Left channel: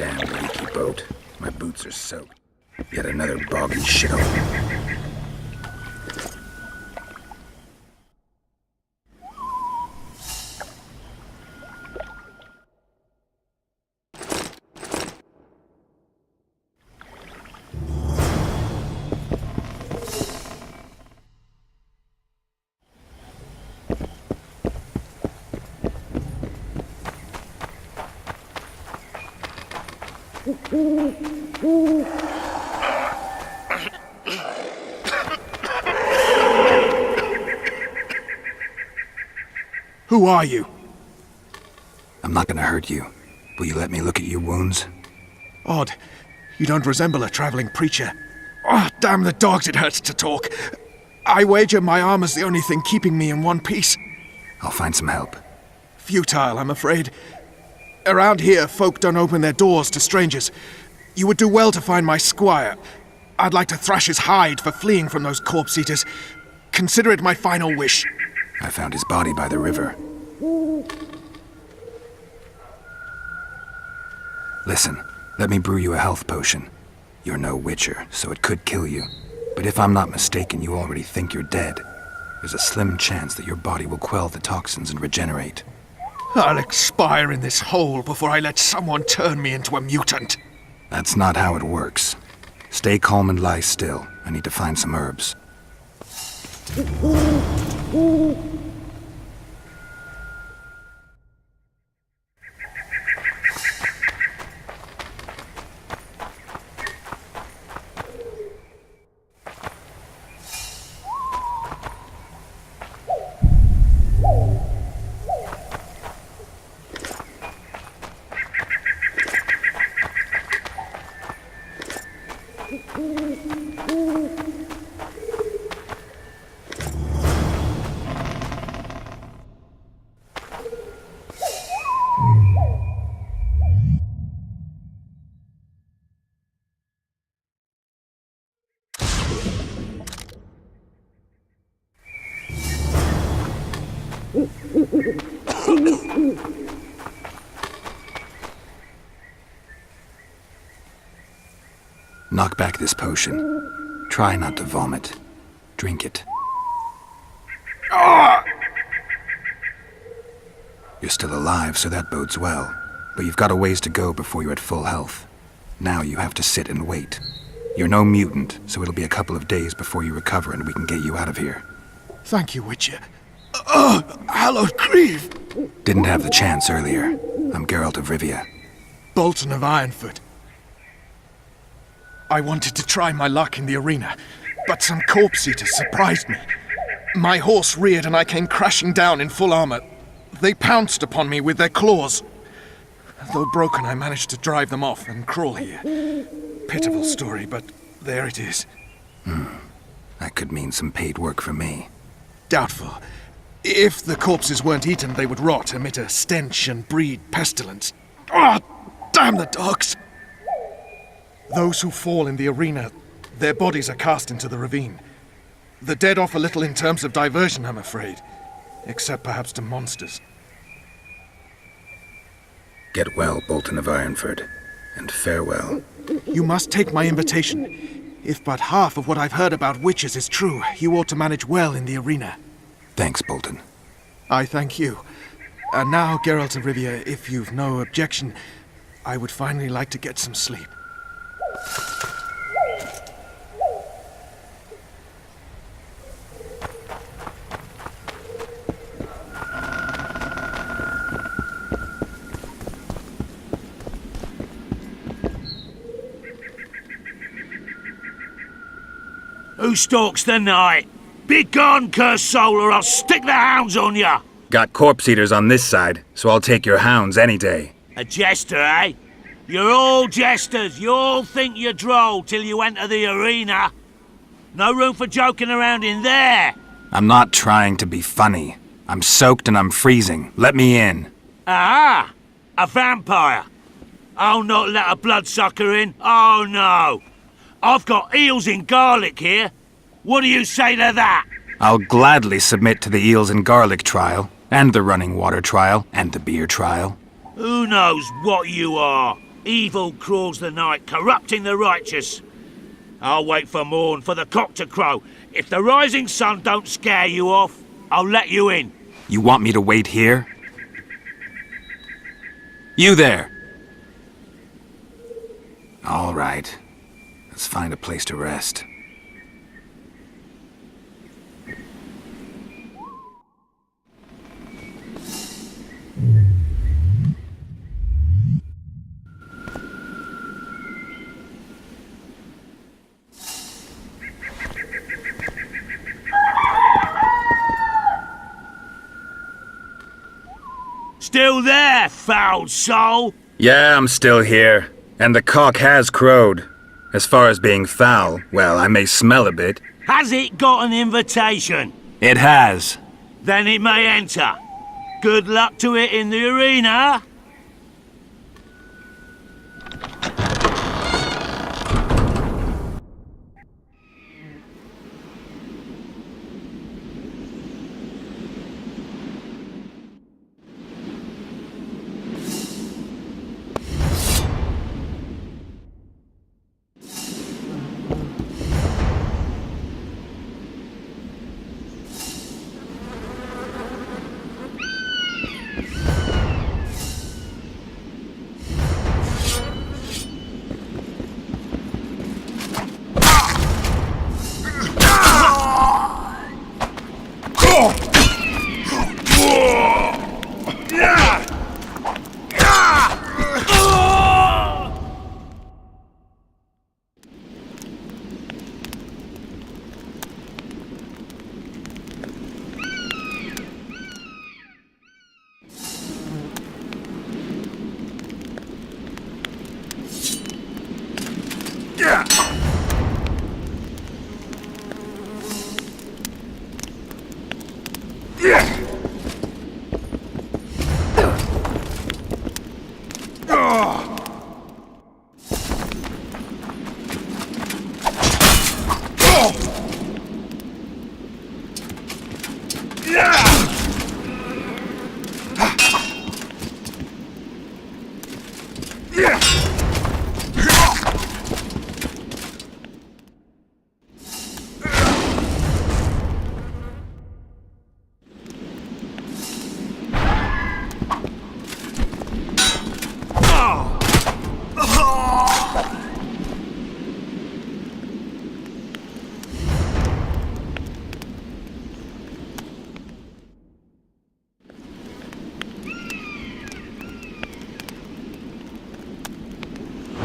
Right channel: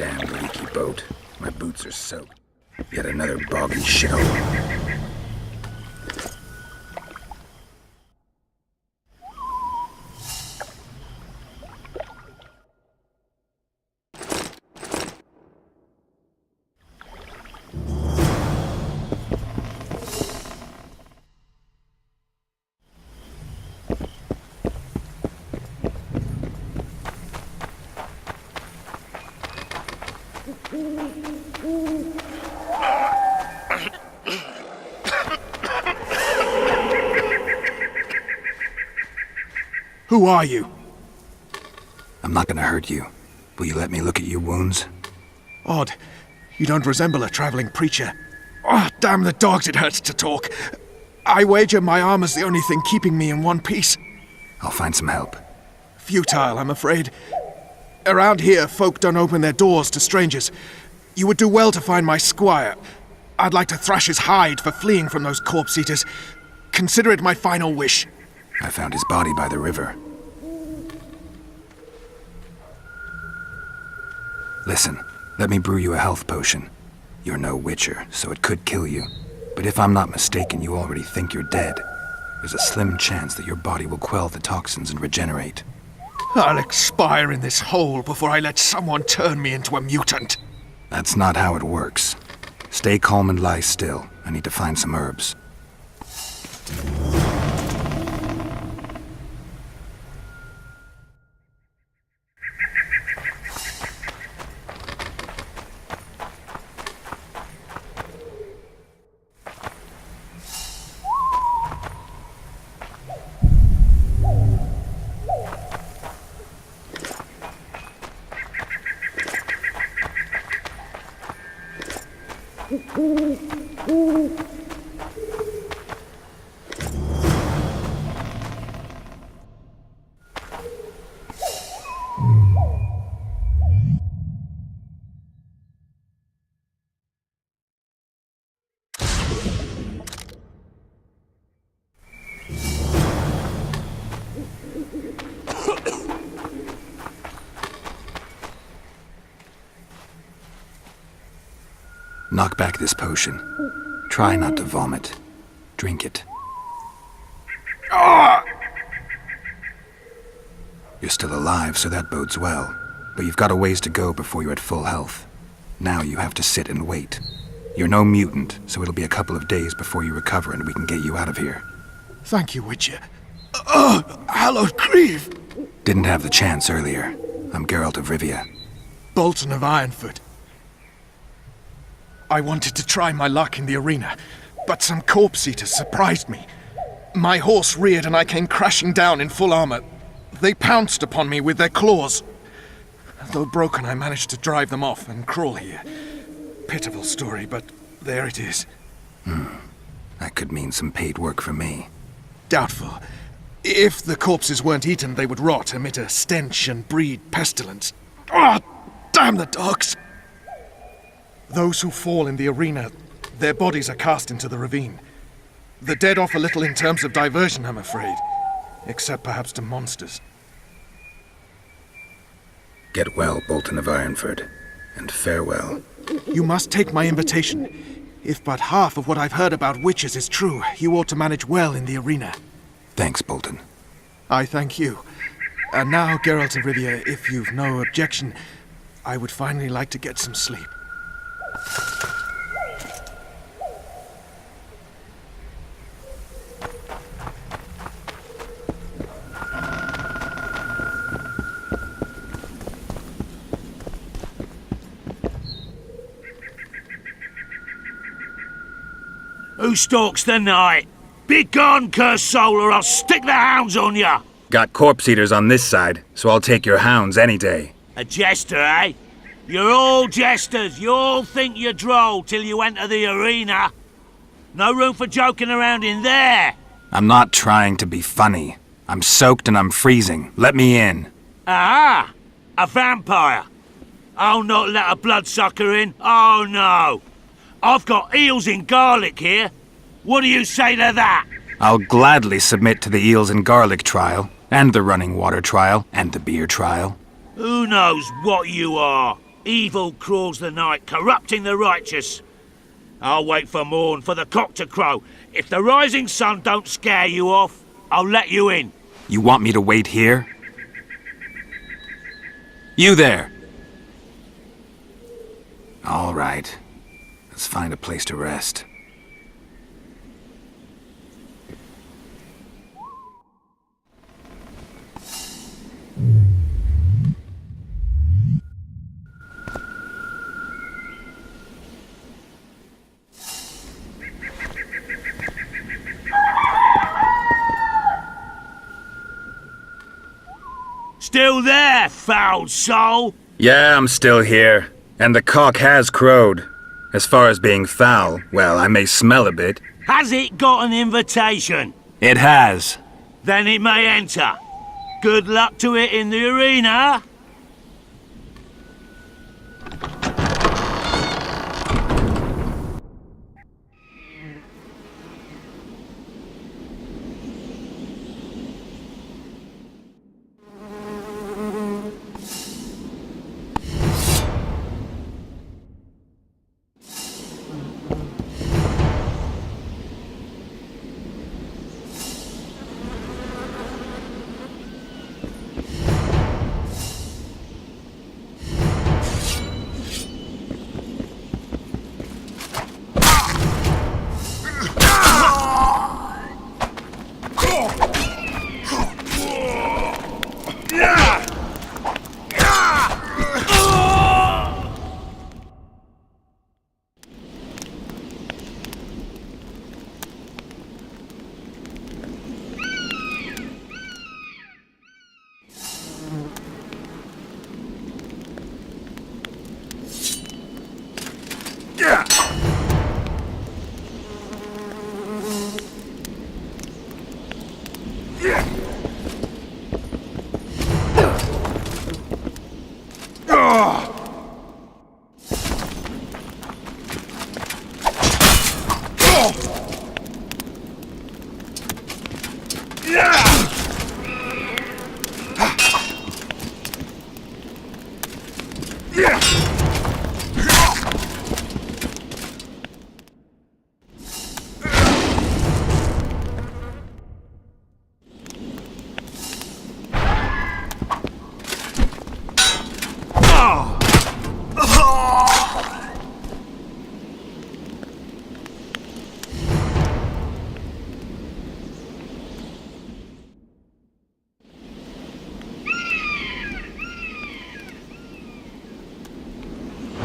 Damn leaky boat. My boots are soaked. Yet another boggy shithole. Who are you? I'm not gonna hurt you. Will you let me look at your wounds? Odd. You don't resemble a traveling preacher. Oh, damn the dogs, it hurts to talk. I wager my armor's the only thing keeping me in one piece. I'll find some help. Futile, I'm afraid. Around here, folk don't open their doors to strangers. You would do well to find my squire. I'd like to thrash his hide for fleeing from those corpse-eaters. Consider it my final wish. I found his body by the river. Listen, let me brew you a health potion. You're no witcher, so it could kill you. But if I'm not mistaken, you already think you're dead. There's a slim chance that your body will quell the toxins and regenerate. I'll expire in this hole before I let someone turn me into a mutant. That's not how it works. Stay calm and lie still. I need to find some herbs. Knock back this potion. Try not to vomit. Drink it. You're still alive, so that bodes well. But you've got a ways to go before you're at full health. Now you have to sit and wait. You're no mutant, so it'll be a couple of days before you recover and we can get you out of here. Thank you, Witcher. Hallowed grief! Didn't have the chance earlier. I'm Geralt of Rivia. Bolton of Ironfoot. I wanted to try my luck in the arena, but some corpse-eaters surprised me. My horse reared and I came crashing down in full armor. They pounced upon me with their claws. Though broken, I managed to drive them off and crawl here. Pitiful story, but there it is. That could mean some paid work for me. Doubtful. If the corpses weren't eaten, they would rot, emit a stench and breed pestilence. Damn the dogs! Those who fall in the arena, their bodies are cast into the ravine. The dead offer little in terms of diversion, I'm afraid. Except perhaps to monsters. Get well, Bolton of Ironford, and farewell. You must take my invitation. If but half of what I've heard about witches is true, you ought to manage well in the arena. Thanks, Bolton. I thank you. And now, Geralt of Rivia, if you've no objection, I would finally like to get some sleep. Who stalks the night? Be gone, cursed soul, or I'll stick the hounds on ya! Got corpse eaters on this side, so I'll take your hounds any day. A jester, eh? You're all jesters. You all think you're droll till you enter the arena. No room for joking around in there. I'm not trying to be funny. I'm soaked and I'm freezing. Let me in. Ah, a vampire. I'll not let a bloodsucker in. Oh, no. I've got eels in garlic here. What do you say to that? I'll gladly submit to the eels and garlic trial, and the running water trial, and the beer trial. Who knows what you are? Evil crawls the night, corrupting the righteous. I'll wait for morn, for the cock to crow. If the rising sun don't scare you off, I'll let you in. You want me to wait here? You there! All right. Let's find a place to rest. Still there, foul soul? Yeah, I'm still here. And the cock has crowed. As far as being foul, well, I may smell a bit. Has it got an invitation? It has. Then it may enter. Good luck to it in the arena.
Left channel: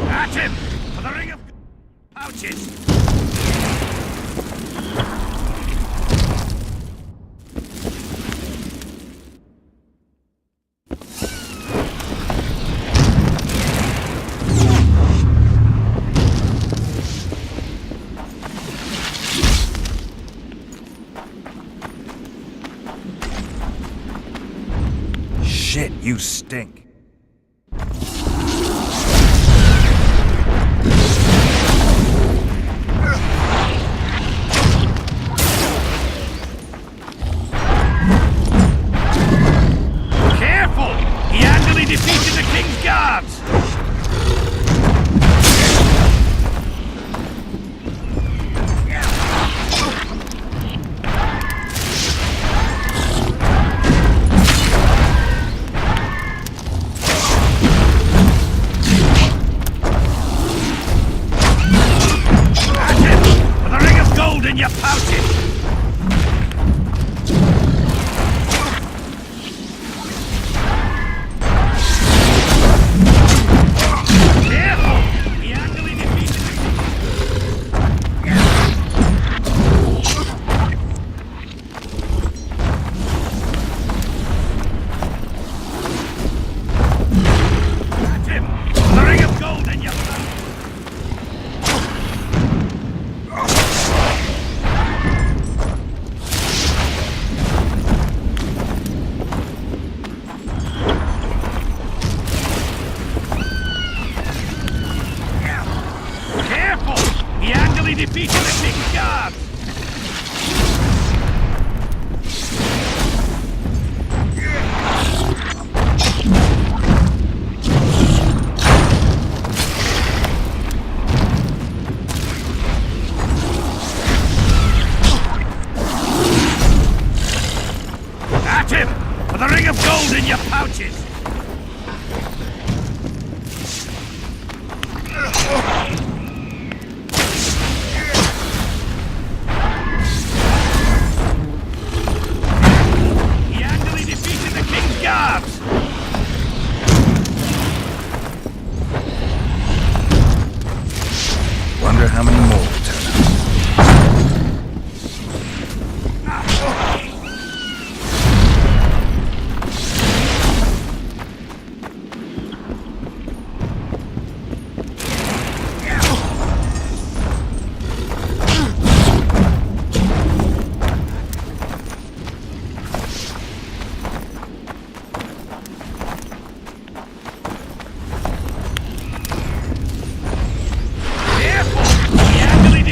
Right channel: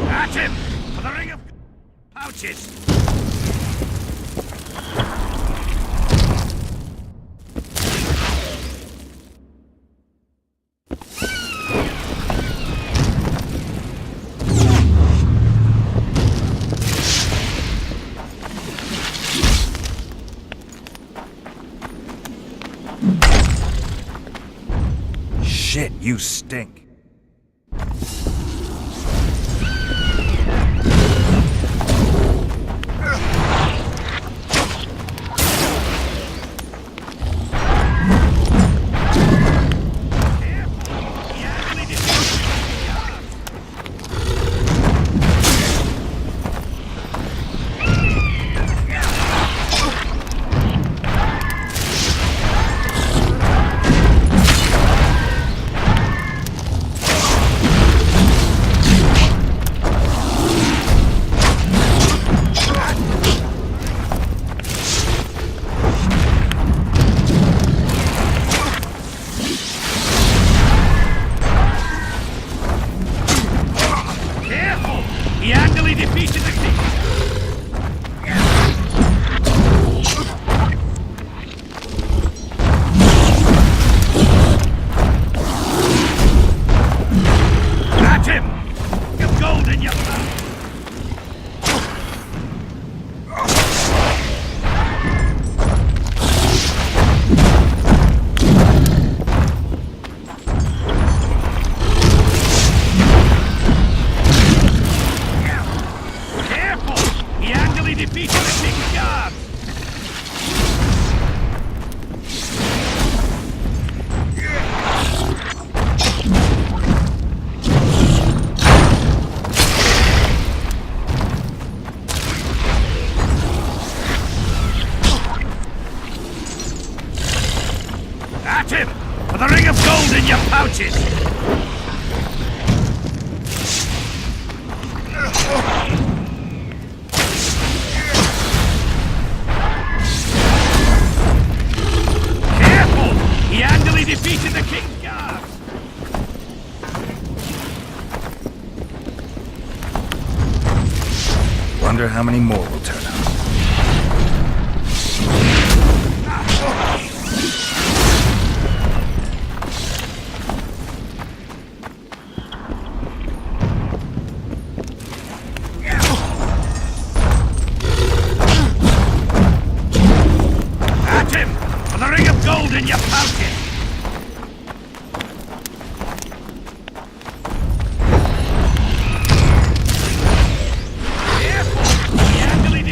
At him! For the ring of pouches! Shit, you stink. gold in your pouches! Careful! He handily defeated the king's guards! Wonder how many more will turn up. At him! For the ring of gold in your pouches! Careful! He handily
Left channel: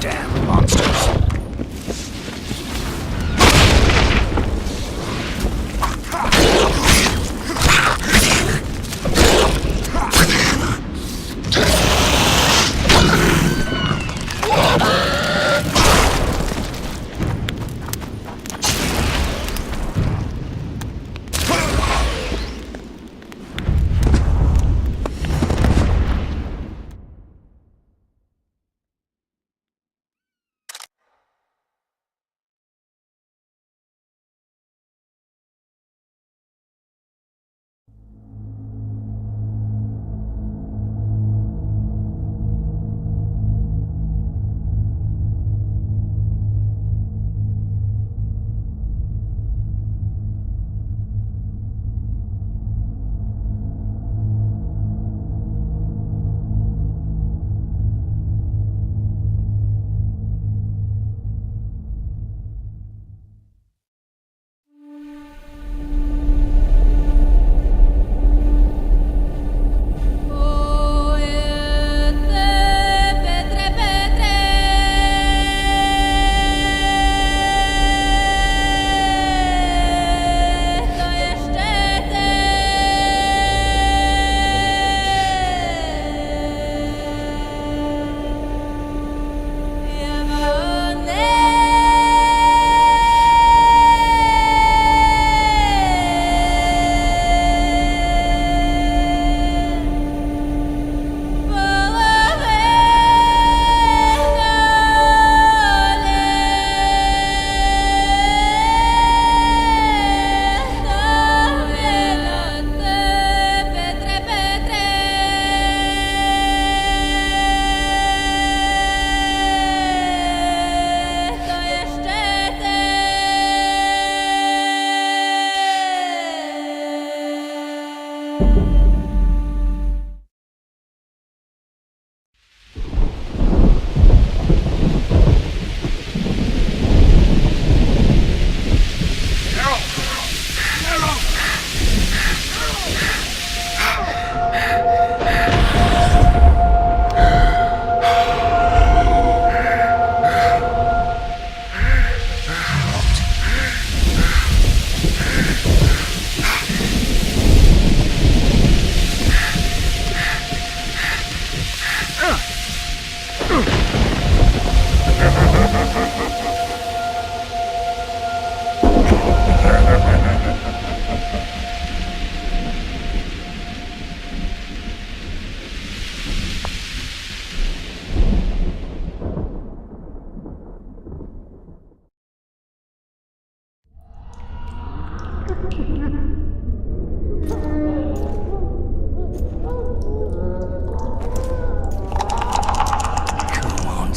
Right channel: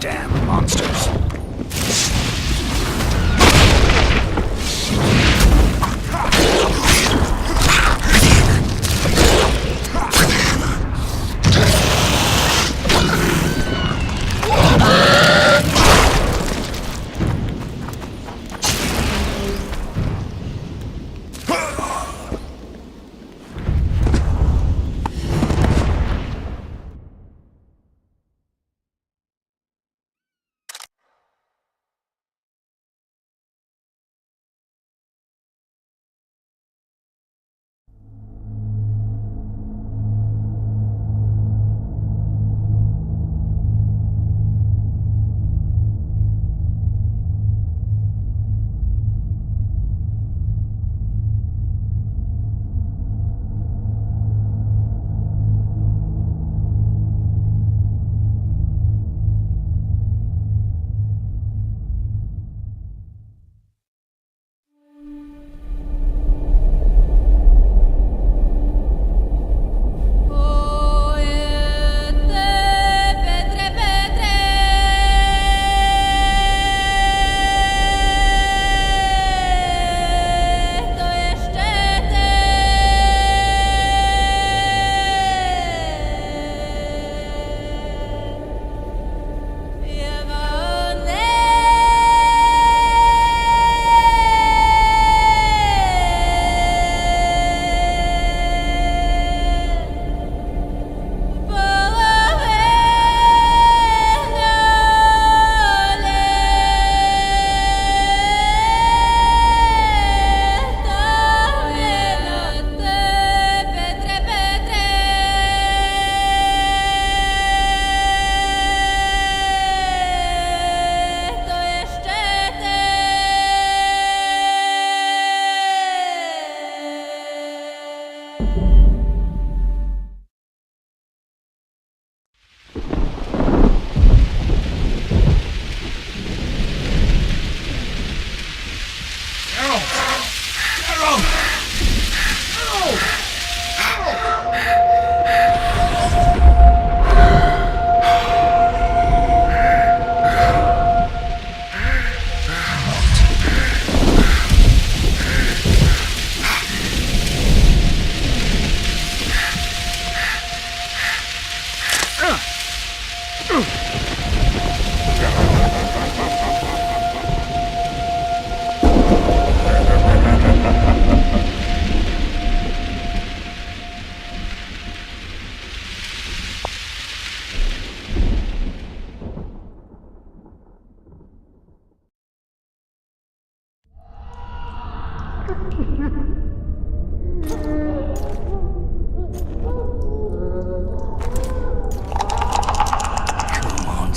Damn monsters.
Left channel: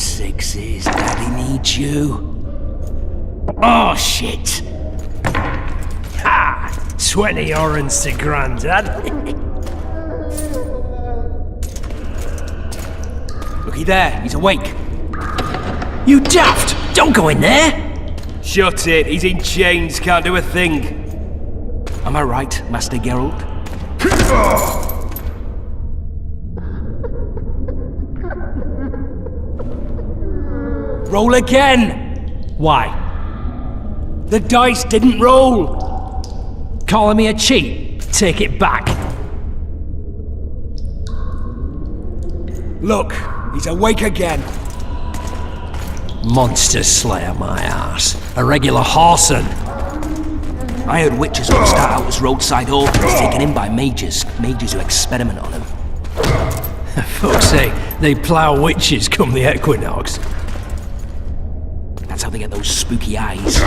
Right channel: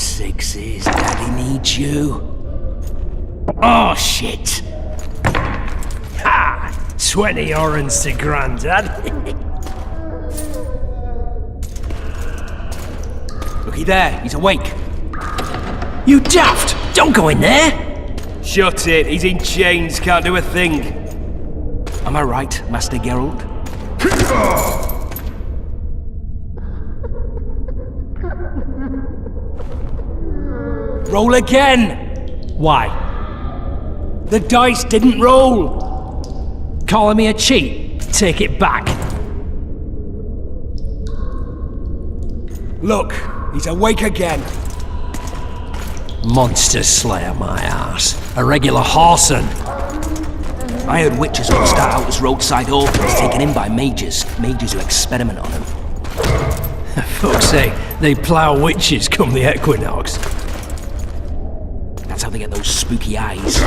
sixes, Daddy needs you. Oh, shit! Ha! 20 orange to Grandad. Looky there, he's awake. You daft! Don't go in there! Shut it, he's in chains, can't do a thing. Am I right, Master Geralt? Roll again! Why? The dice didn't roll! Calling me a cheat? Take it back. Look, he's awake again. Monster Slayer, my ass. A regular horson. I heard witches will start out as roadside orphans taken in by mages. Mages who experiment on them. Folks say they plough witches come the equinox. That's how they get those spooky eyes.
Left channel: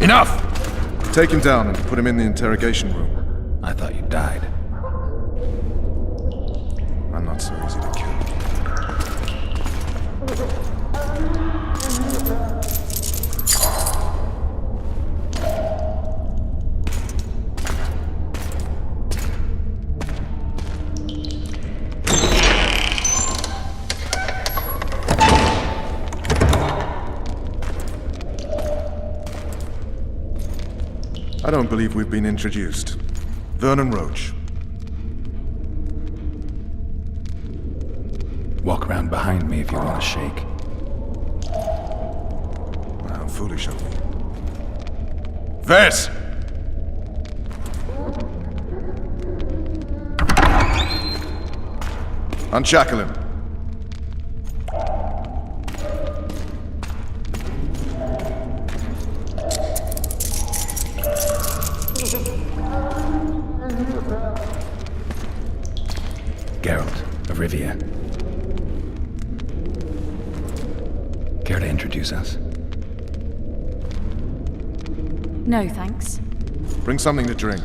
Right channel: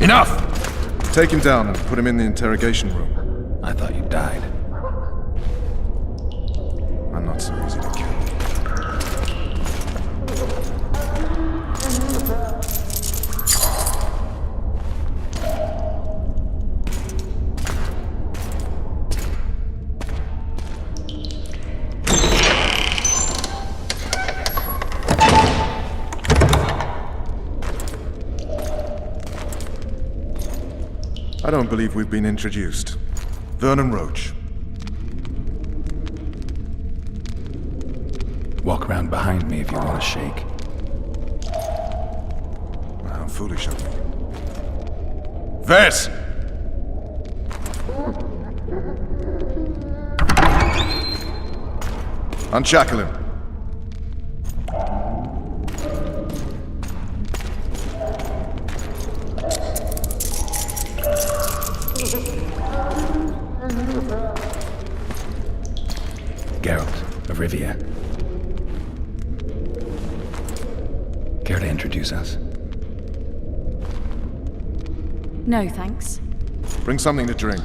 Enough! Take him down and put him in the interrogation room. I thought you died. I'm not so easy to kill. I don't believe we've been introduced. Vernon Roach. Walk around behind me if you want to shake. How foolish of me. Vess! Unshackle him. Geralt of Rivia. Care to introduce us? No, thanks. Bring something to drink.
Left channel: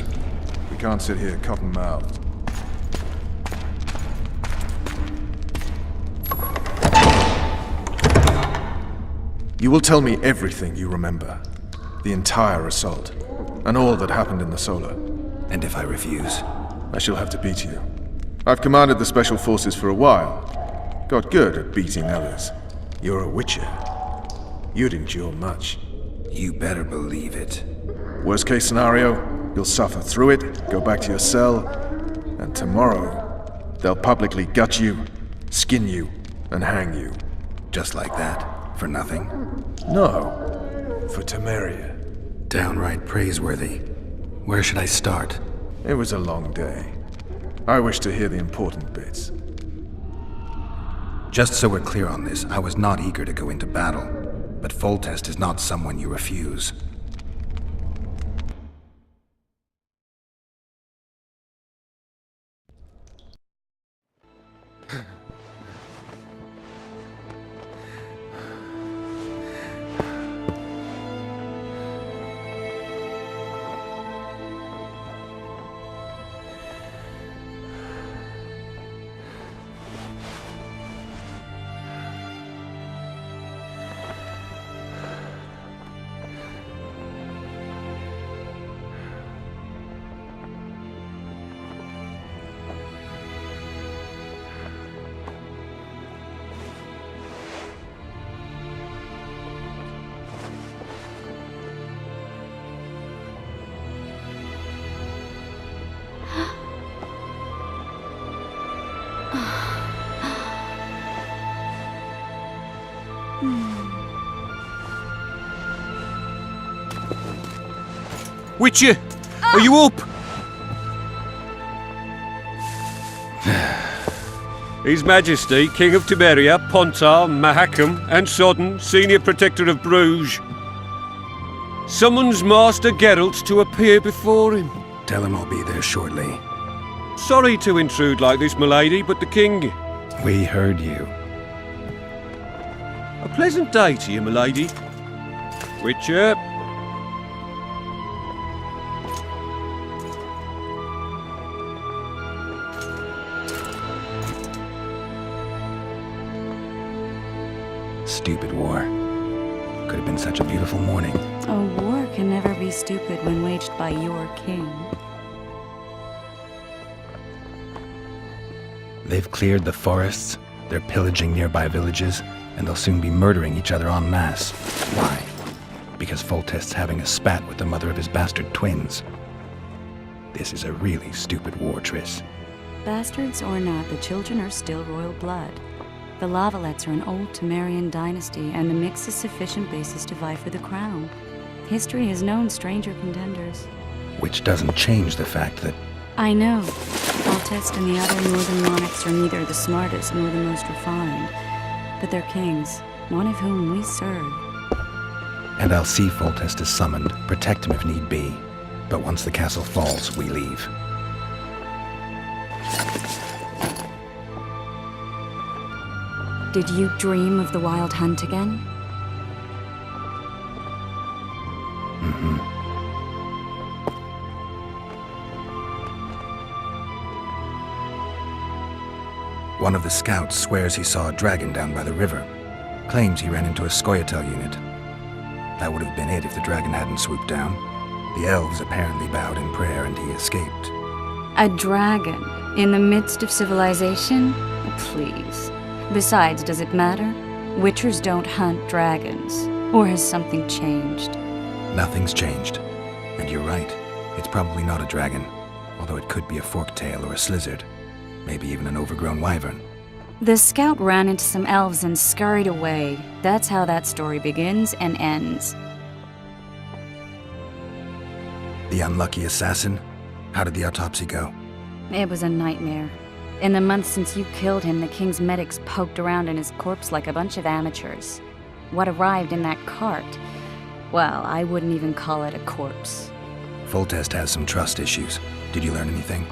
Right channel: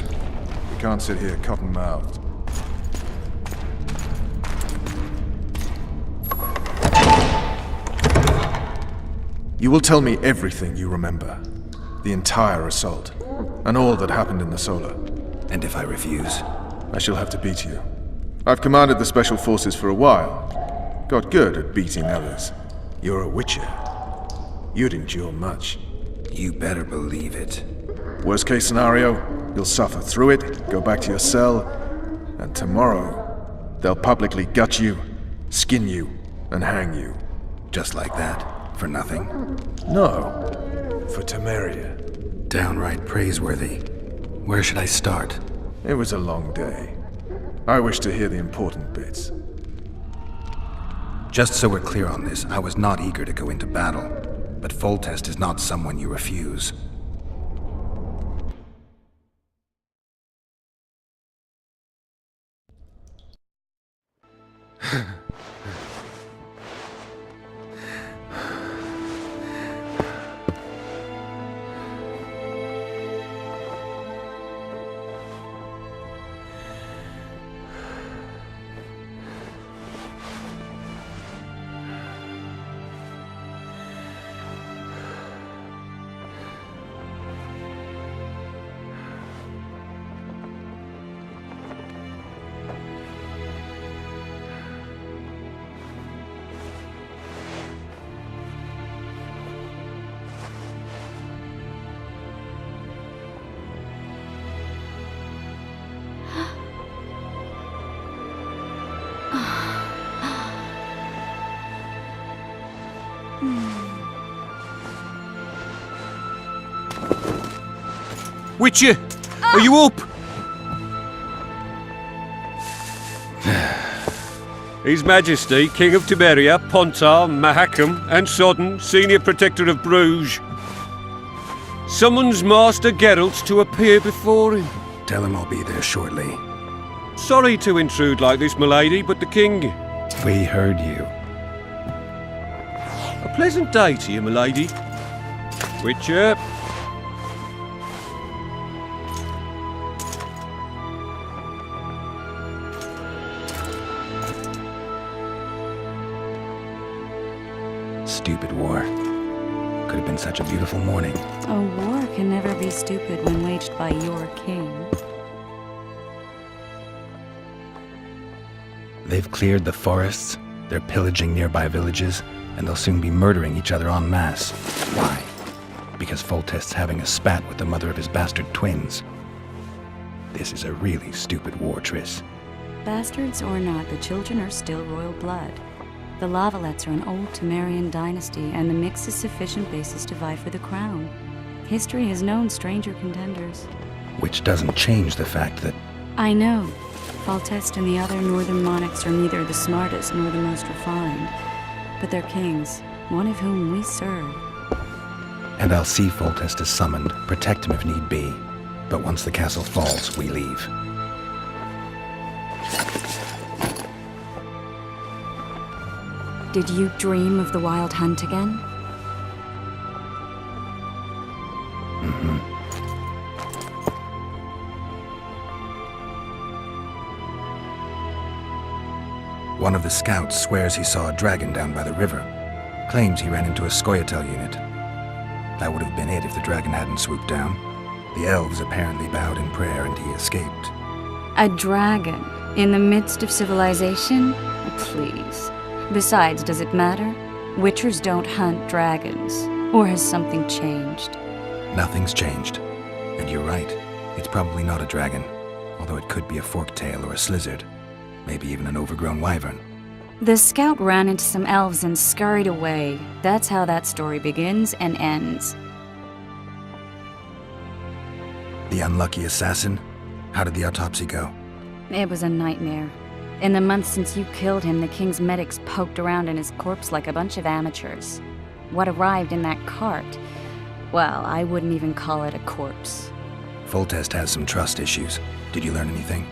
We can't sit here cotton-mouthed. You will tell me everything you remember. The entire assault. And all that happened in the Solar. And if I refuse? I shall have to beat you. I've commanded the Special Forces for a while. Got good at beating others. You're a Witcher. You'd endure much. You better believe it. Worst case scenario, you'll suffer through it, go back to your cell, and tomorrow, they'll publicly gut you, skin you, and hang you. Just like that? For nothing? No, for Temeria. Downright praiseworthy. Where should I start? It was a long day. I wish to hear the important bits. Just so we're clear on this, I was not eager to go into battle. But Foltest is not someone you refuse. Witcher, are you up? His Majesty, King of Temeria, Pontar, Mahakam, and Sodden, Senior Protector of Bruges, summons Master Geralt to appear before him. Tell him I'll be there shortly. Sorry to intrude like this, milady, but the King... We heard you. A pleasant day to you, milady. Witcher. Stupid war. Could have been such a beautiful morning. A war can never be stupid when waged by your king. They've cleared the forests, they're pillaging nearby villages, and they'll soon be murdering each other en masse. Why? Because Foltest's having a spat with the mother of his bastard twins. This is a really stupid war, Triss. Bastards or not, the children are still royal blood. The Lavalettes are an old Temerian dynasty, and the mix is sufficient basis to vie for the crown. History has known stranger contenders. Which doesn't change the fact that I know. Foltest and the other northern monarchs are neither the smartest nor the most refined, but they're kings, one of whom we serve. And I'll see Foltest is summoned, protect him if need be. But once the castle falls, we leave. Did you dream of the Wild Hunt again? Mm-hmm. One of the scouts swears he saw a dragon down by the river. Claims he ran into a Scoia'tael unit. That would have been it if the dragon hadn't swooped down. The elves apparently bowed in prayer and he escaped. A dragon? In the midst of civilization? Oh, please. Besides, does it matter? Witchers don't hunt dragons. Or has something changed? Nothing's changed. And you're right. It's probably not a dragon. Although it could be a forktail or a slizzard. Maybe even an overgrown wyvern. The scout ran into some elves and scurried away. That's how that story begins and ends. The unlucky assassin? How did the autopsy go? It was a nightmare. In the months since you killed him, the king's medics poked around in his corpse like a bunch of amateurs. What arrived in that cart? Well, I wouldn't even call it a corpse. Foltest has some trust issues. Did you learn anything?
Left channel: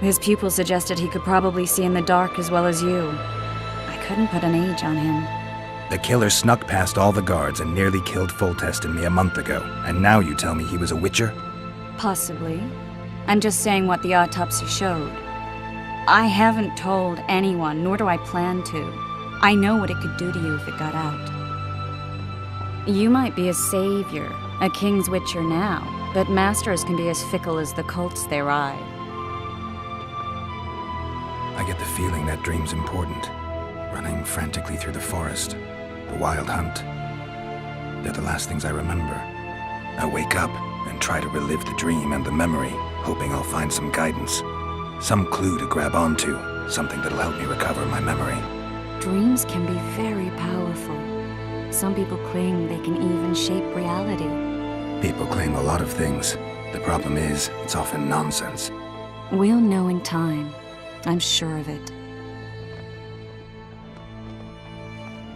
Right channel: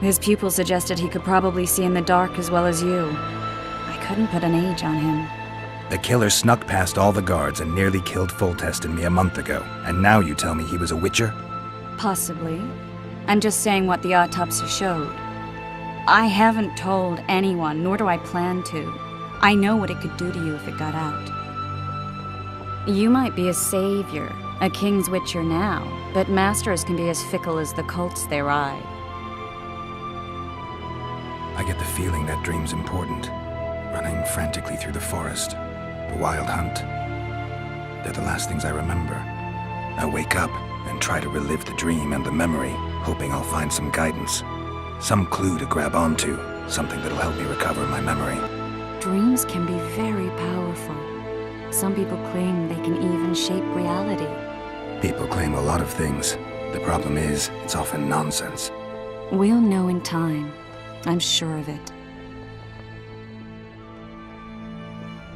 His pupil suggested he could probably see in the dark as well as you. I couldn't put an age on him. The killer snuck past all the guards and nearly killed Foltest and me a month ago. And now you tell me he was a witcher? Possibly. I'm just saying what the autopsy showed. I haven't told anyone, nor do I plan to. I know what it could do to you if it got out. You might be a savior, a king's witcher now, but masters can be as fickle as the cults they ride. I get the feeling that dream's important. Running frantically through the forest. The wild hunt. They're the last things I remember. I wake up and try to relive the dream and the memory, hoping I'll find some guidance. Some clue to grab onto. Something that'll help me recover my memory. Dreams can be very powerful. Some people claim they can even shape reality. People claim a lot of things. The problem is, it's often nonsense. We'll know in time. I'm sure of it.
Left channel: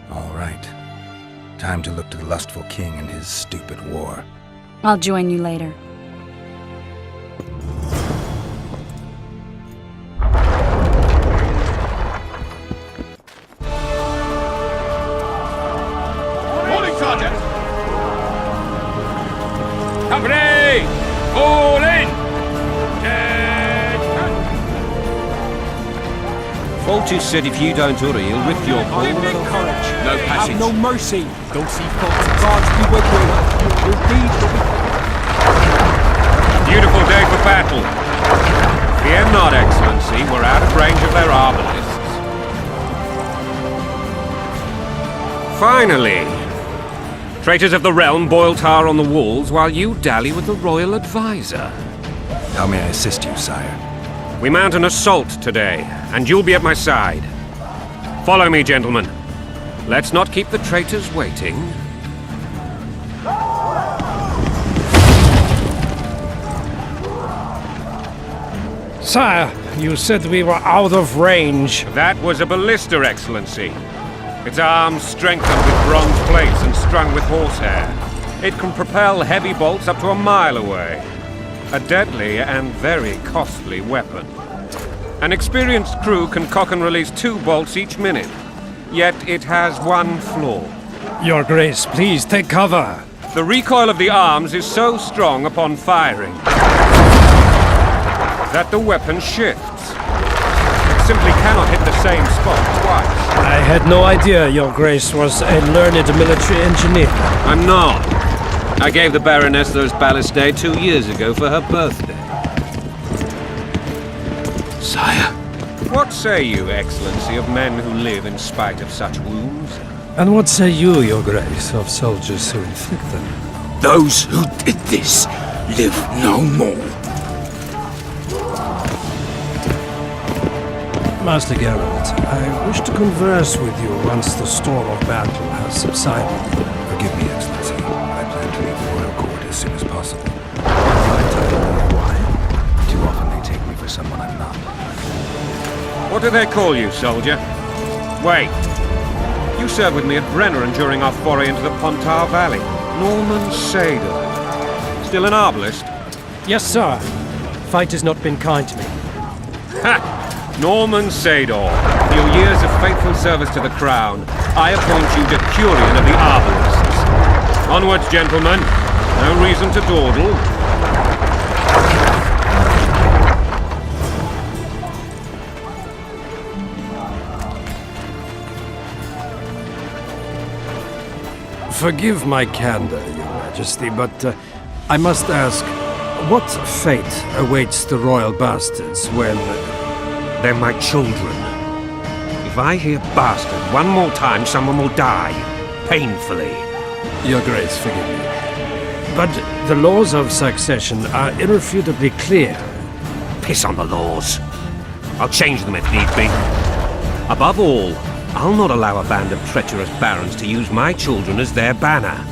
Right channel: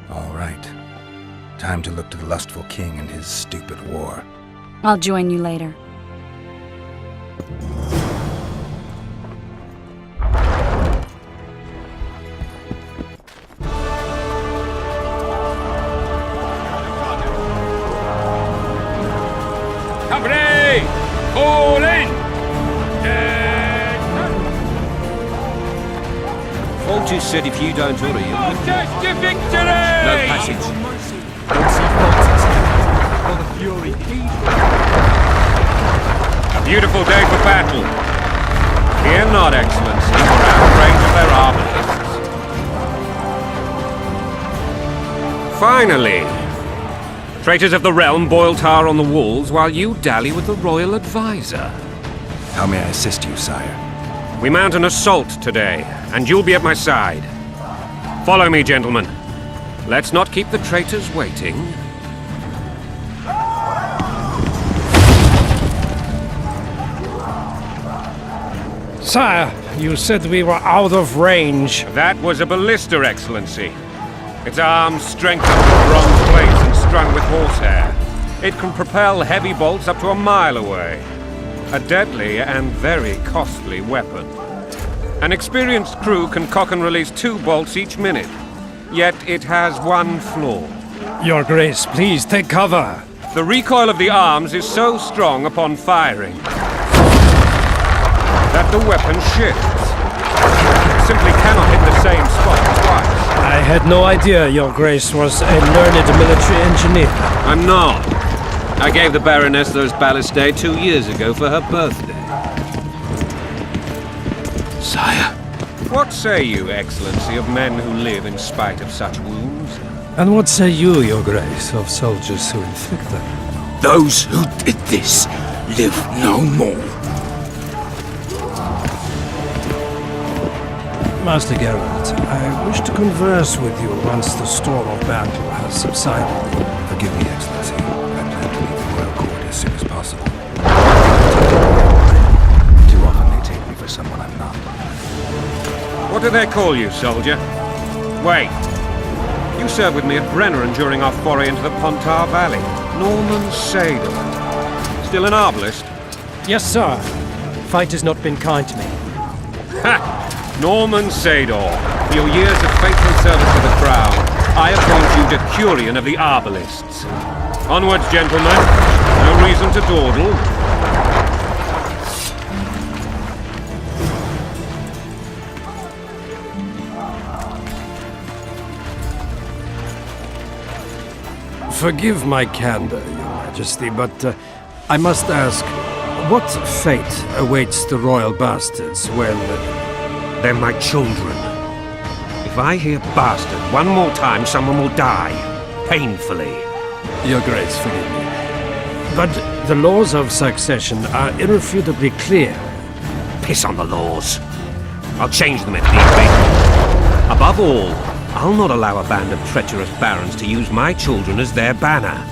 All right. Time to look to the lustful king and his stupid war. I'll join you later. Morning, Sergeant! Company! Fall in! Foltest said if you don't hurry, he'll rip your heart out of the college. No passage. No mercy. Don't see Foltest. A beautiful day for battle. Fear not, Excellency, we're out of range of their arbalists. Finally! Traitors of the realm boil tar on the walls while you dally with the royal advisor. How may I assist you, sire? We mount an assault today, and you'll be at my side. Follow me, gentlemen. Let's not keep the traitors waiting. Sire, you said we were out of range. That was a ballista, Excellency. Its arms strengthened with bronze plates and strung with horsehair. It can propel heavy bolts up to a mile away. A deadly and very costly weapon. An experienced crew can cock and release 2 bolts each minute. Yet it has one flaw. Your Grace, please take cover. The recoil of the arms is so strong upon firing that the weapon shifts. It simply cannot hit the same spot twice. I had no idea Your Grace was a learned military engineer. I'm not. I gave the Baroness those ballistae 2 years ago for her birthday. Sire. What say you, Excellency, of men who live in spite of such wounds? And what say you, Your Grace, of soldiers who inflict them? Those who did this live no more. Master Geralt, I wish to converse with you once the storm of battle has subsided. Forgive me, Excellency. I plan to leave the royal court as soon as possible. Too often they take me for someone I'm not. What do they call you, soldier? Wait. You served with me at Brenneran during our foray into the Pontar Valley. Norman Sador. Still an arbalist? Yes, sir. Fight has not been kind to me. Ha! Norman Sador, for your years of faithful service to the crown, I appoint you Decurion of the Arbalists. Onwards, gentlemen. No reason to dawdle. Forgive my candor, Your Majesty, but I must ask, what fate awaits the royal bastards when... They're my children. If I hear bastard one more time, someone will die. Painfully. Your Grace, forgive me. But the laws of succession are irrefutably clear. Piss on the laws. I'll change them if need be. Above all, I'll not allow a band of treacherous barons to use my children as their banner.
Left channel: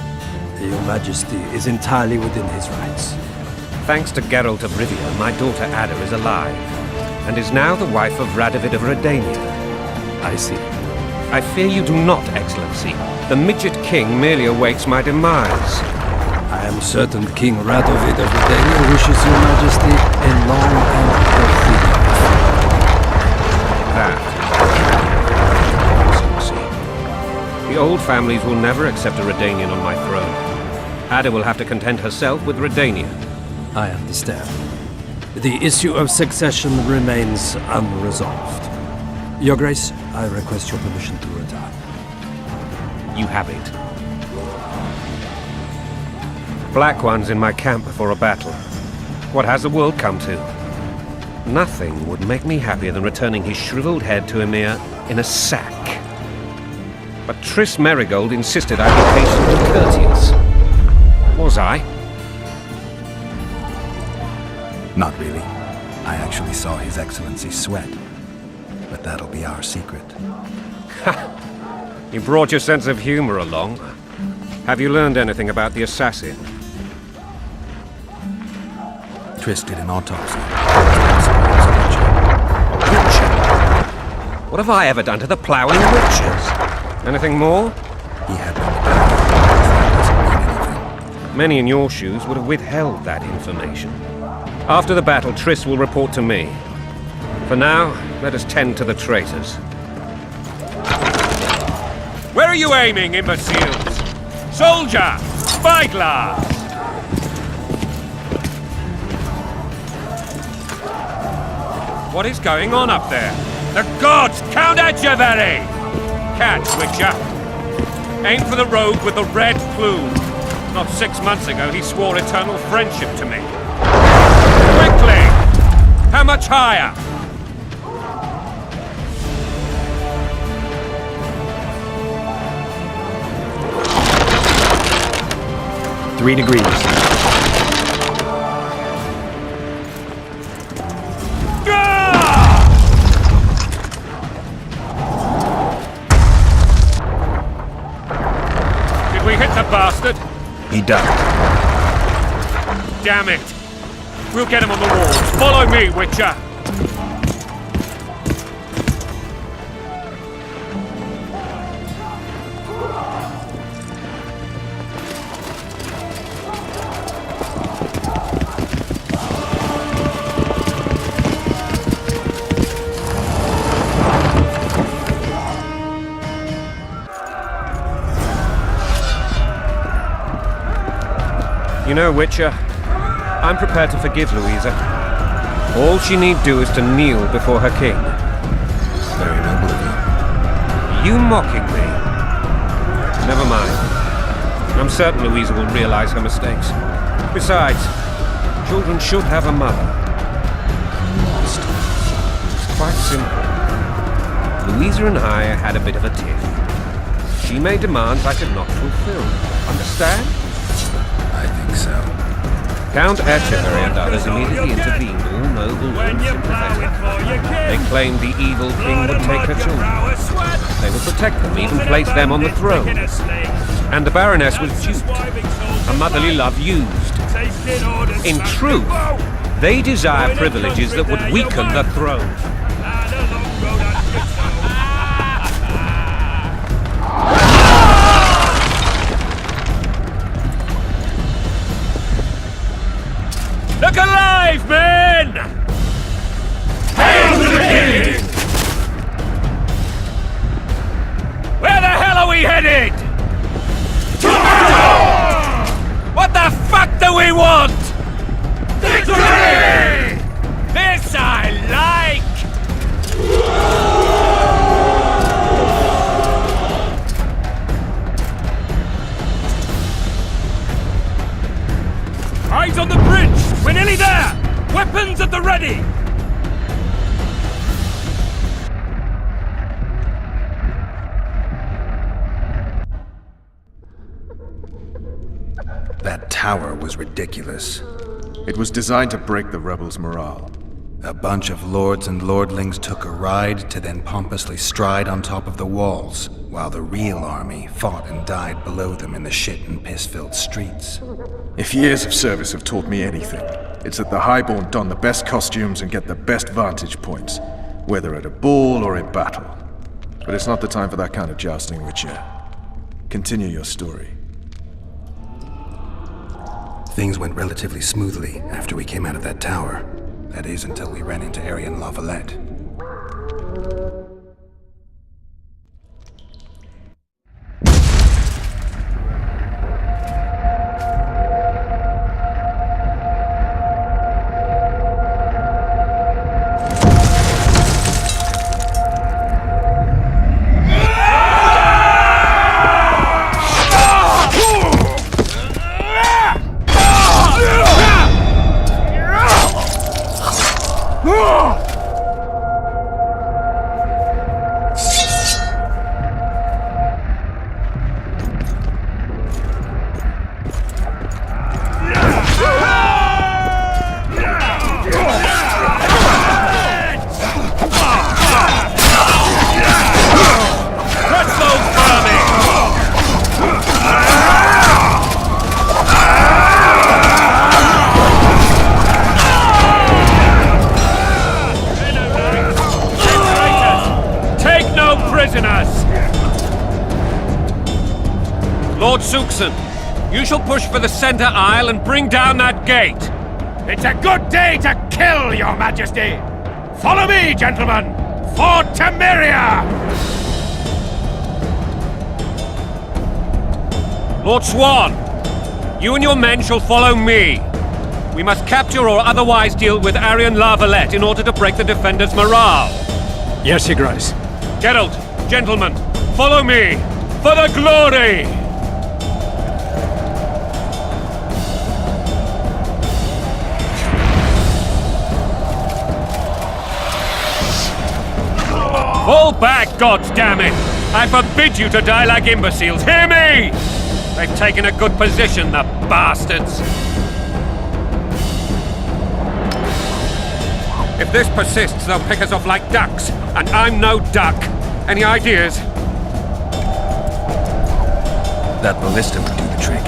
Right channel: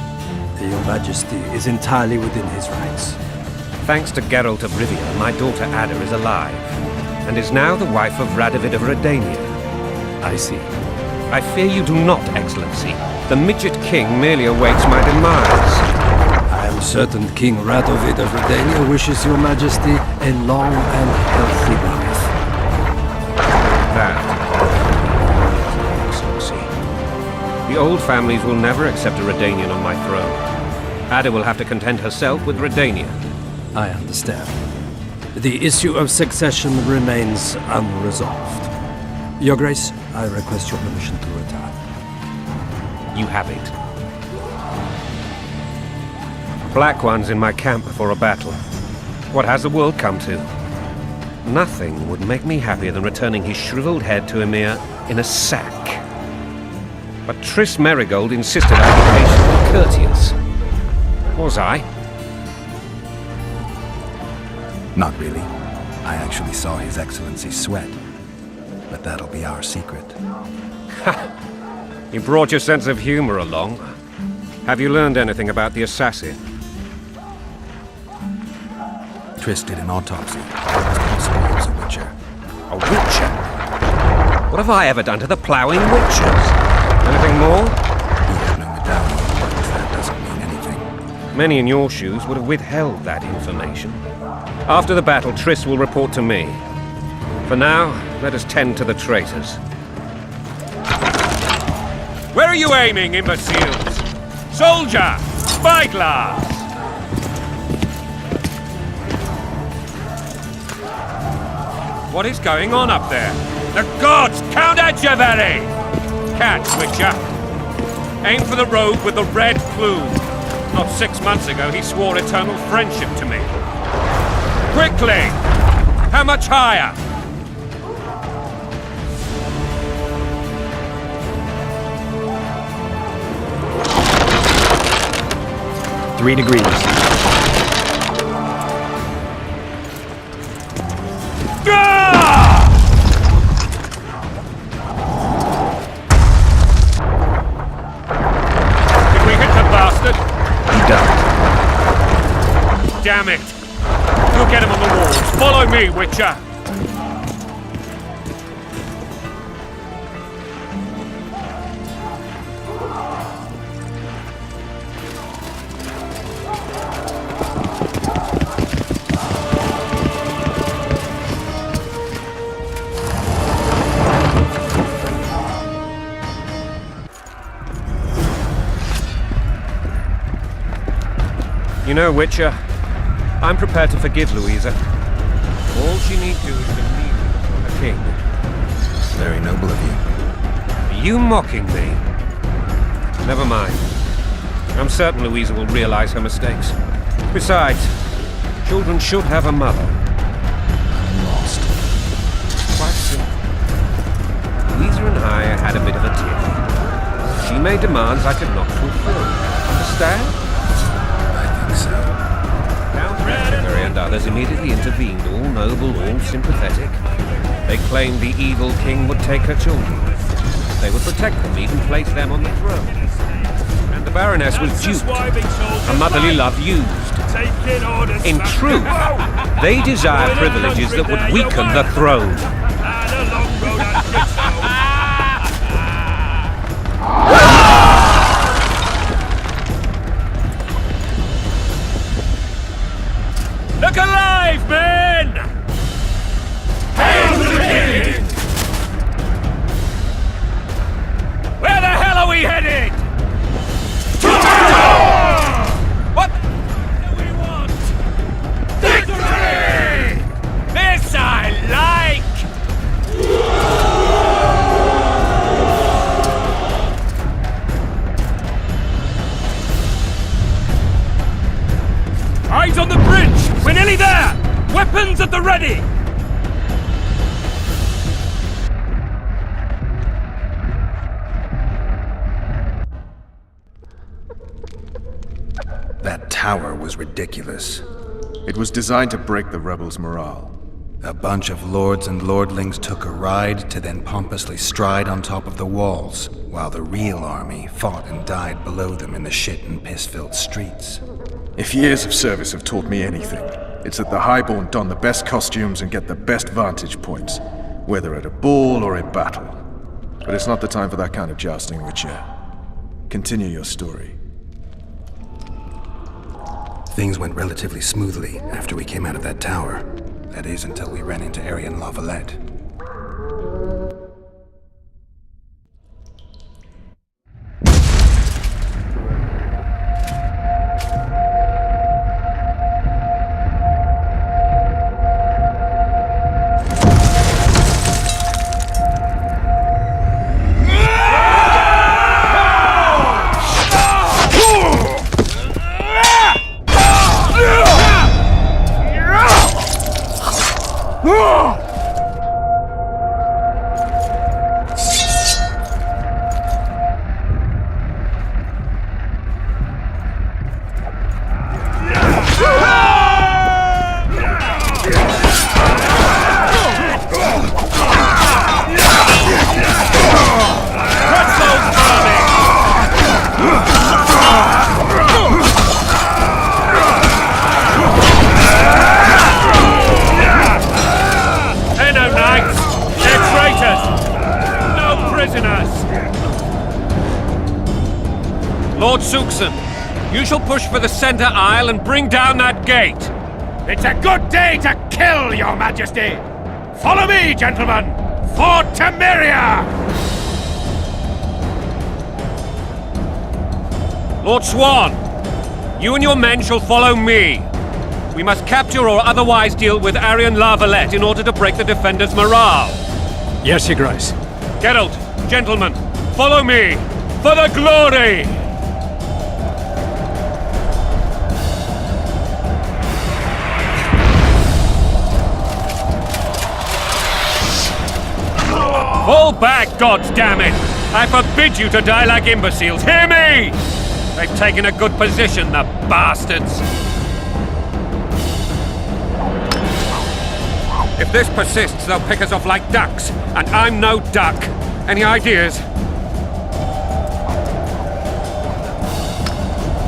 Your Majesty is entirely within his rights. Thanks to Geralt of Rivia, my daughter Ada is alive, and is now the wife of Radovid of Redania. I see. I fear you do not, Excellency. The Midget King merely awaits my demise. I am certain King Radovid of Redania wishes Your Majesty a long and healthy life. That, Excellency. The old families will never accept a Redanian on my throne. Ada will have to content herself with Redania. I understand. The issue of succession remains unresolved. Your Grace, I request your permission to retire. You have it. Black One's in my camp before a battle. What has the world come to? Nothing would make me happier than returning his shriveled head to Emir in a sack. But Triss Merigold insisted I be patient and courteous. Was I? Not really. I actually saw His Excellency sweat. But that'll be our secret. You brought your sense of humor along. Have you learned anything about the assassin? Triss did an autopsy. He was a witcher. A witcher? What have I ever done to the ploughing witchers? Anything more? He had no medallion, but that doesn't mean anything. Many in your shoes would have withheld that information. After the battle, Triss will report to me. For now, let us tend to the traitors. Where are you aiming, imbeciles? Soldier! Spyglass! What is going on up there? The gods! Count Etcheverry! Catch, Witcher! Aim for the rogue with the red plume. Not 6 months ago, he swore eternal friendship to me. Quickly! How much higher? 3 degrees. Did we hit the bastard? He died. Damn it! We'll get him on the walls. Follow me, Witcher! You know, Witcher, I'm prepared to forgive Louisa. All she need do is to kneel before her king. Very noble of you. Are you mocking me? Never mind. I'm certain Louisa will realize her mistakes. Besides, children should have a mother. I'm lost. It's quite simple. Louisa and I had a bit of a tiff. She made demands I could not fulfill. Understand? I think so. Count Etchebury and others immediately intervened, all noble, all sympathetic. They claimed the evil king would take her children. They would protect them, even place them on the throne. And the Baroness was duped, her motherly love used. In truth, they desire privileges that would weaken the throne. Look alive, men! Hail to the king! Where the hell are we headed? What the fuck do we want? Victory! This I like! Eyes on the bridge! We're nearly there! Weapons at the ready! That tower was ridiculous. It was designed to break the rebels' morale. A bunch of lords and lordlings took a ride to then pompously stride on top of the walls, while the real army fought and died below them in the shit and piss-filled streets. If years of service have taught me anything, it's that the highborn don the best costumes and get the best vantage points, whether at a ball or in battle. But it's not the time for that kind of jousting, Witcher. Continue your story. Things went relatively smoothly after we came out of that tower. That is, until we ran into Aryan Lavalette. Lord Suxon, you shall push for the center aisle and bring down that gate. It's a good day to kill, Your Majesty! Follow me, gentlemen! For Temeria! Lord Swan, you and your men shall follow me. We must capture or otherwise deal with Aryan Lavalette in order to break the defenders' morale. Yes, Your Grace. Geralt, gentlemen, follow me! For the glory! Fall back, goddammit! I forbid you to die like imbeciles, hear me! They've taken a good position, the bastards! If this persists, they'll pick us off like ducks, and I'm no duck. Any ideas? That ballista would do the trick.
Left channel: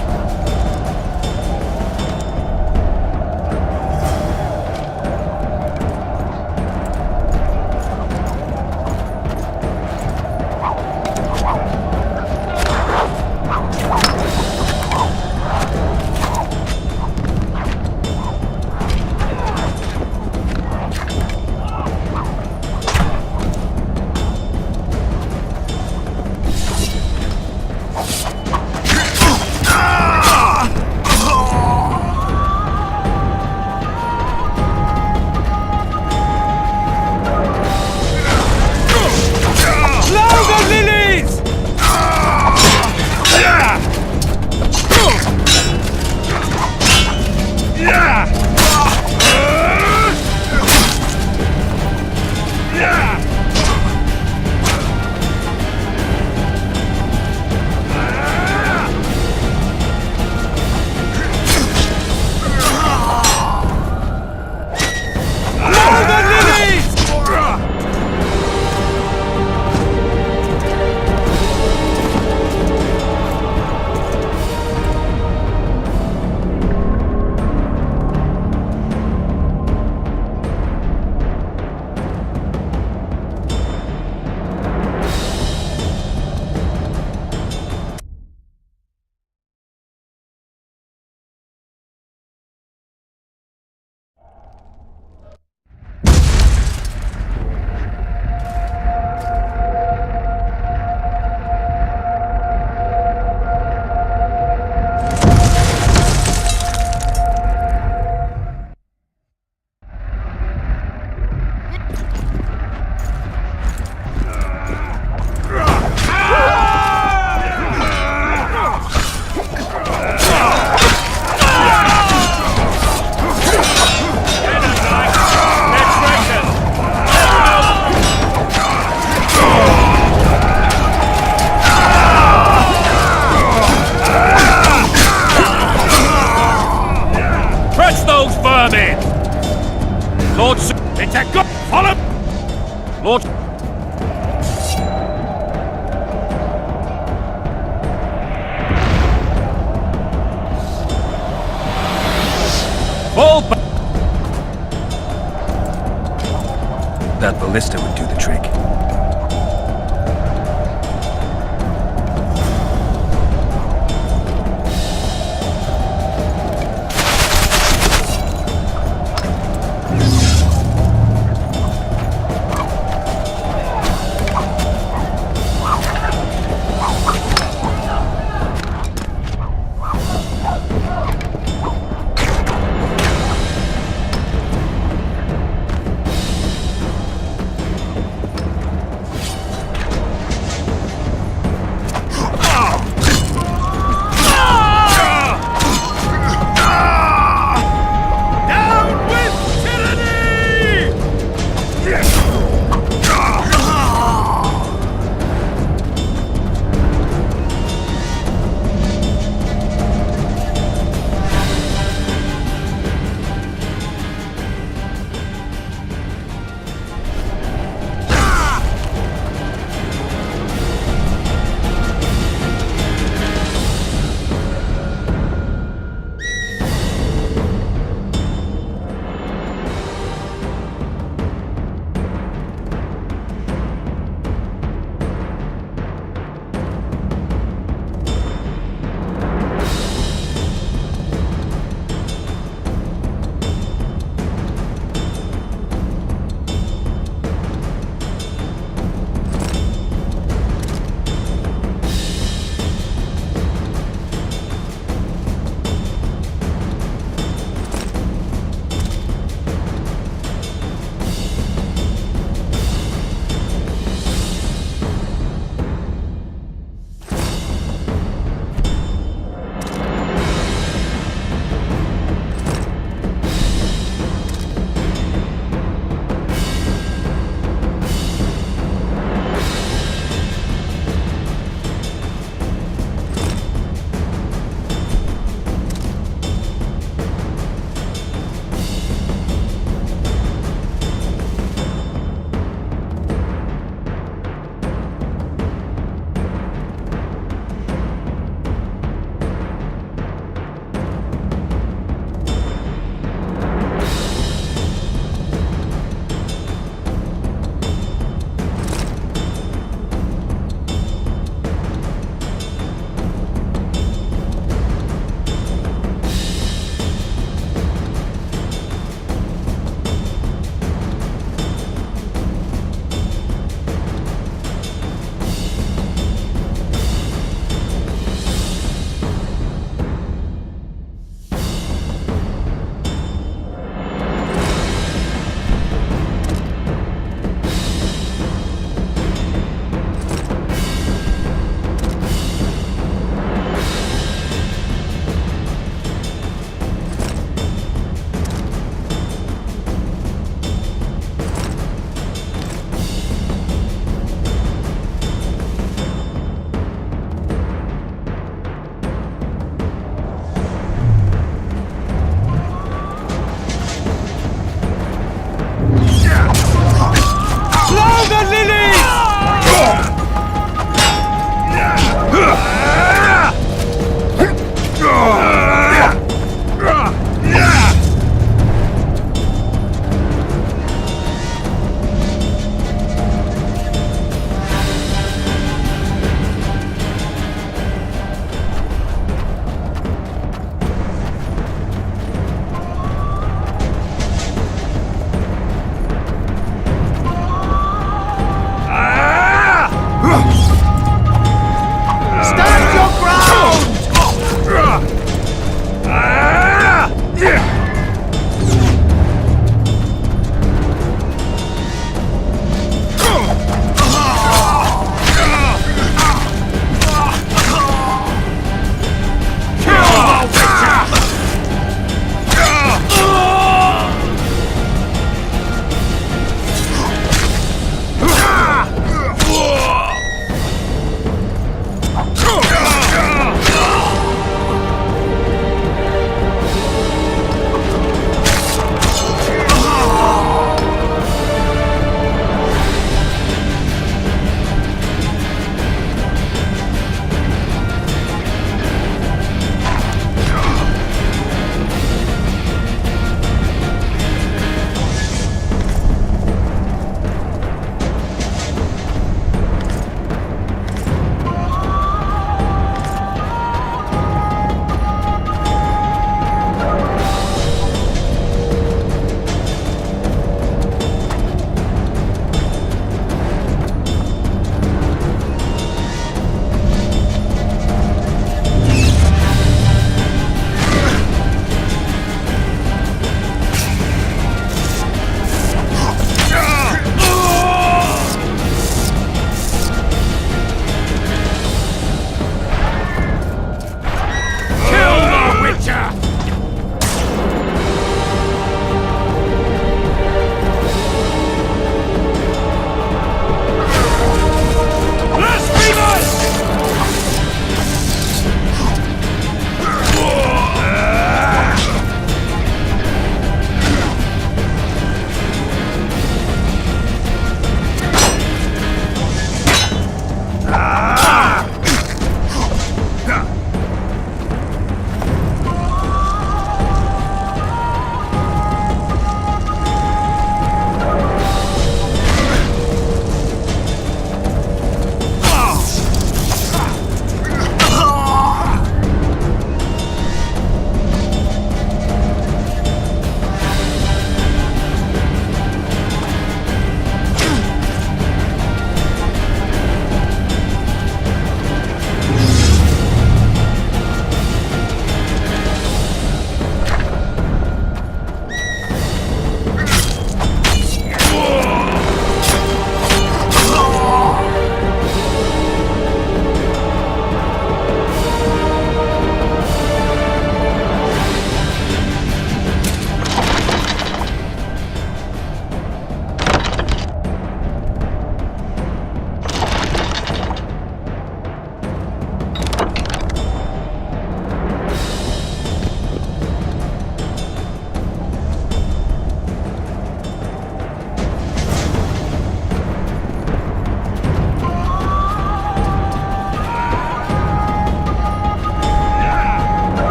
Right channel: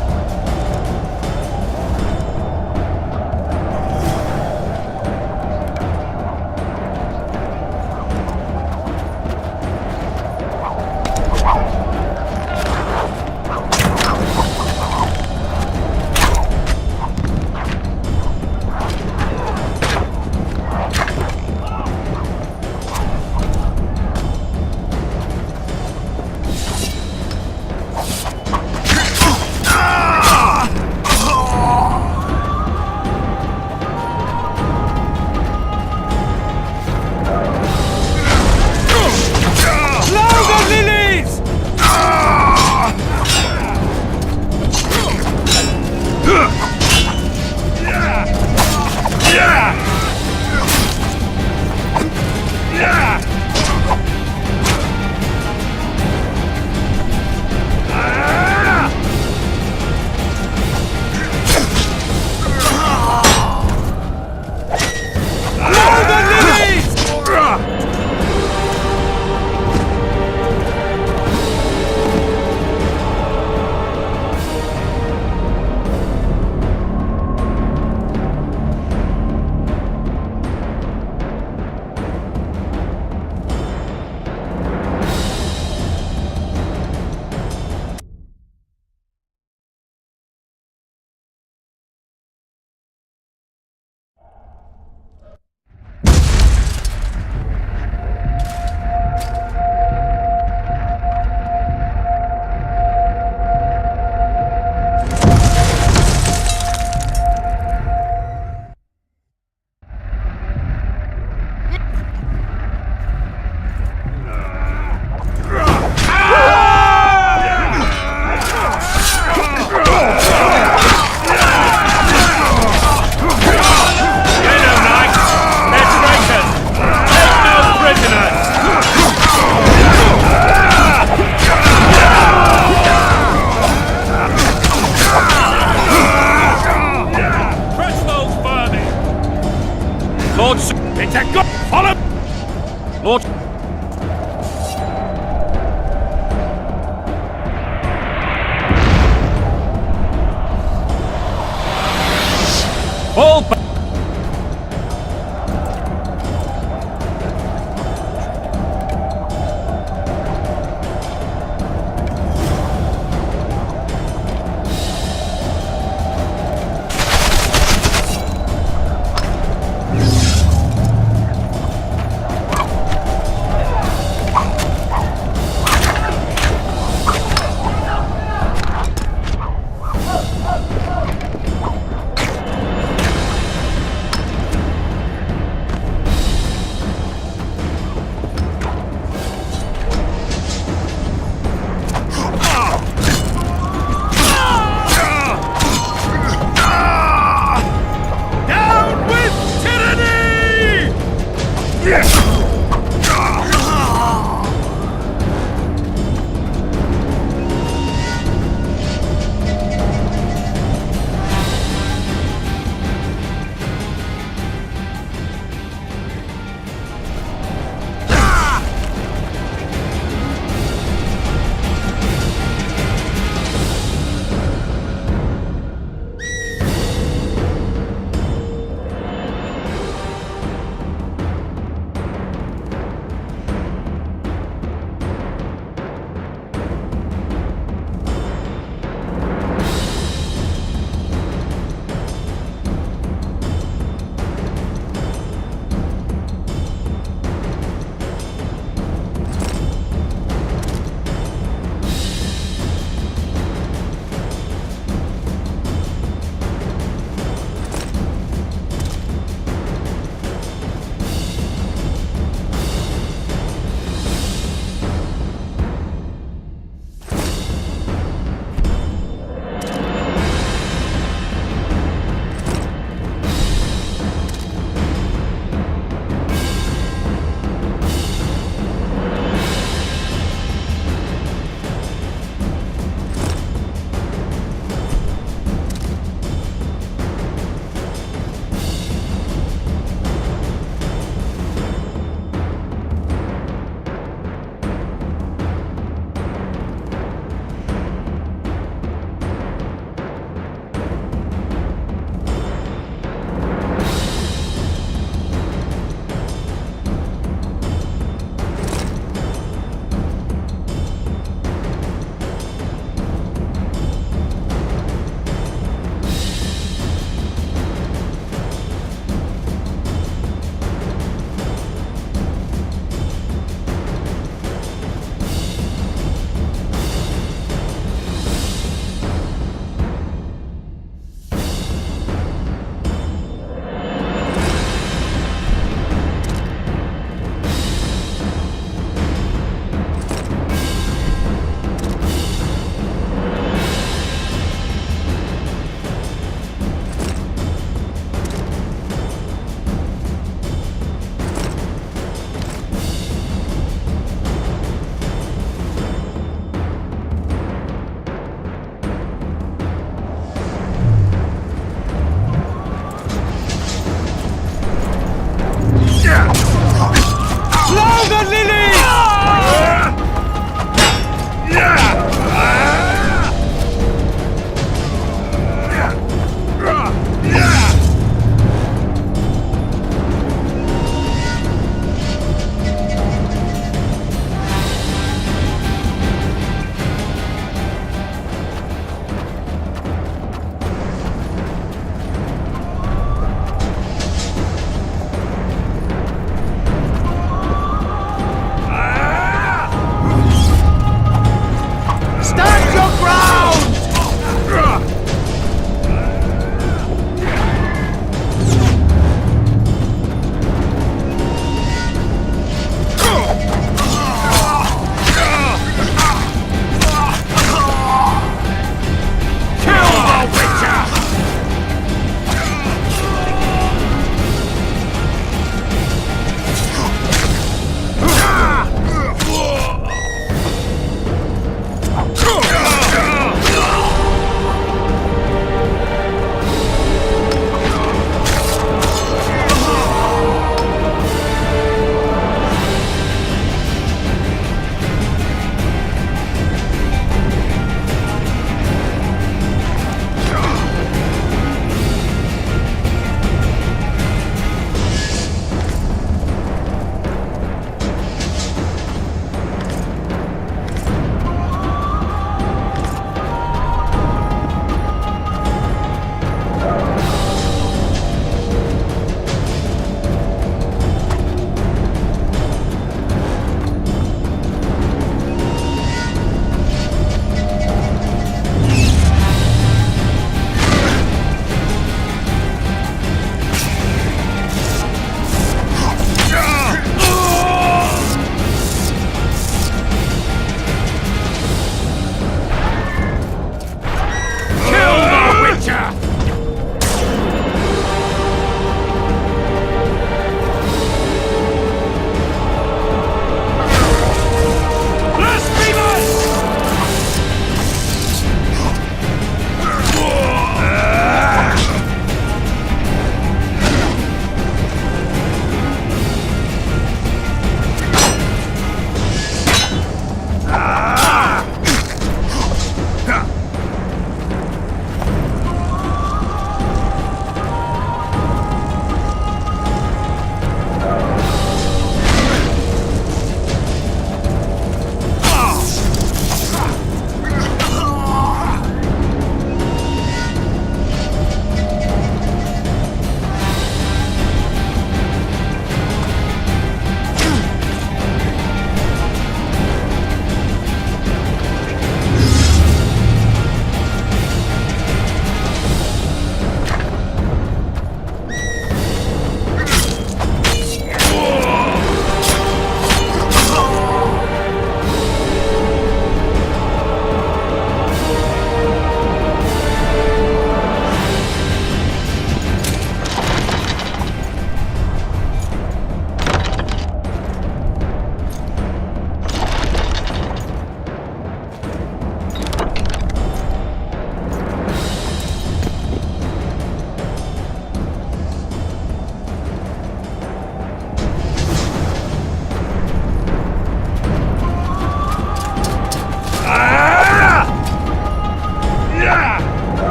Fall back! That ballista would do the trick.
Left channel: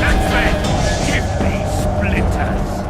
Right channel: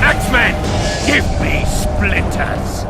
Axemen, give me splinters.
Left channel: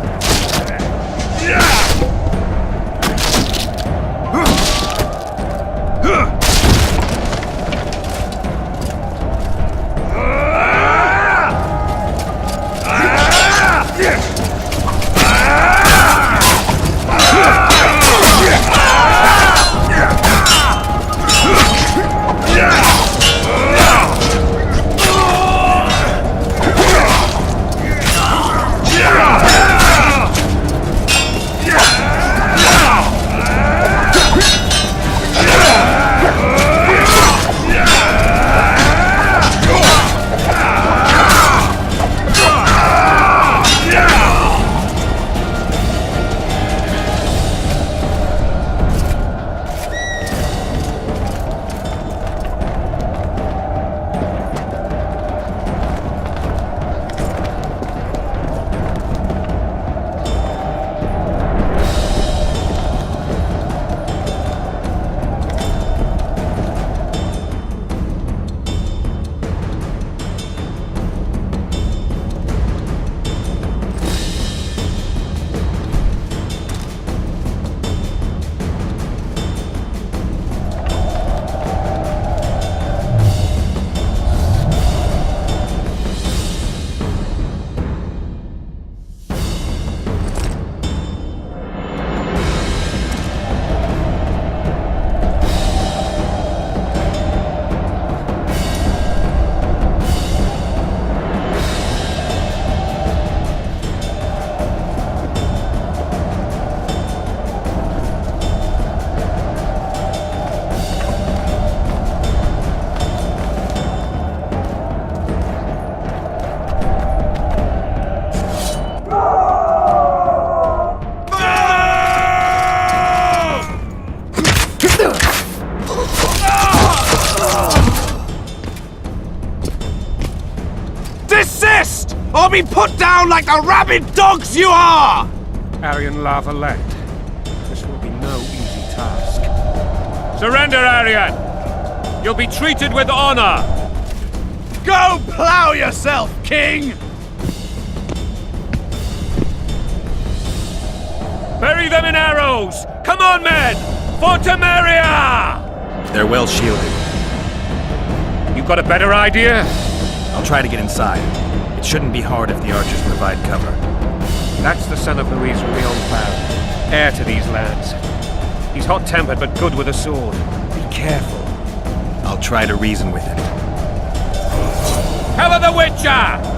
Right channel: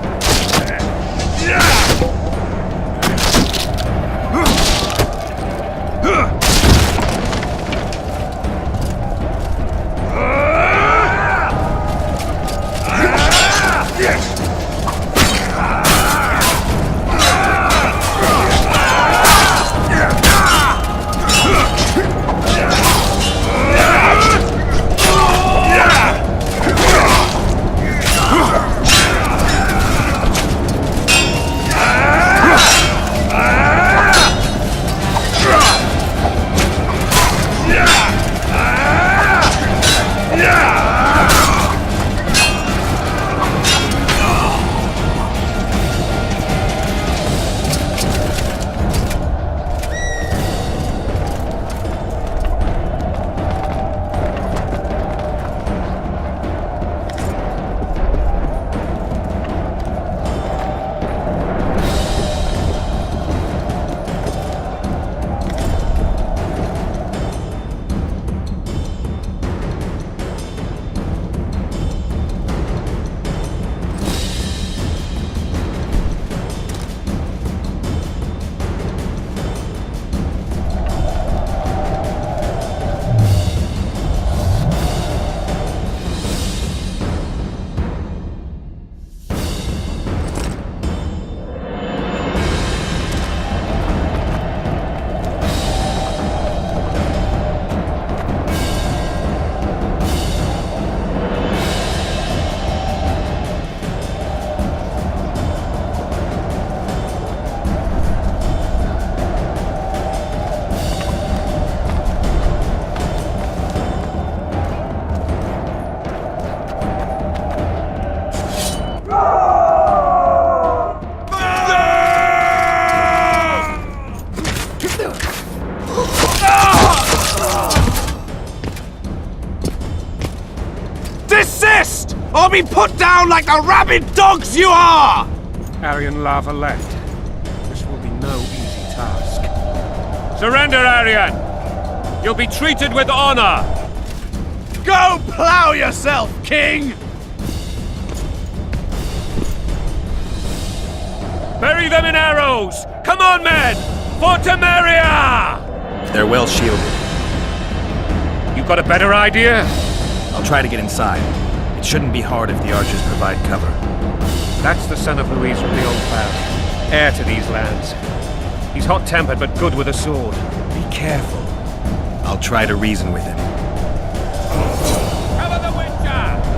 Desist, or be put down like the rabid dogs you are! Aryan Lavalette. This will be no easy task. Surrender, Aryan! You'll be treated with honor! Go plow yourself, King! Bury them in arrows! Come on, men! For Temeria! They're well shielded. You got a better idea? I'll try to get inside. It shouldn't be hard if the archers provide cover. That's the son of Louise from the Old Baron. Heir to these lands. He's hot-tempered but good with a sword. Be careful. I'll try to reason with him. Cover the Witcher!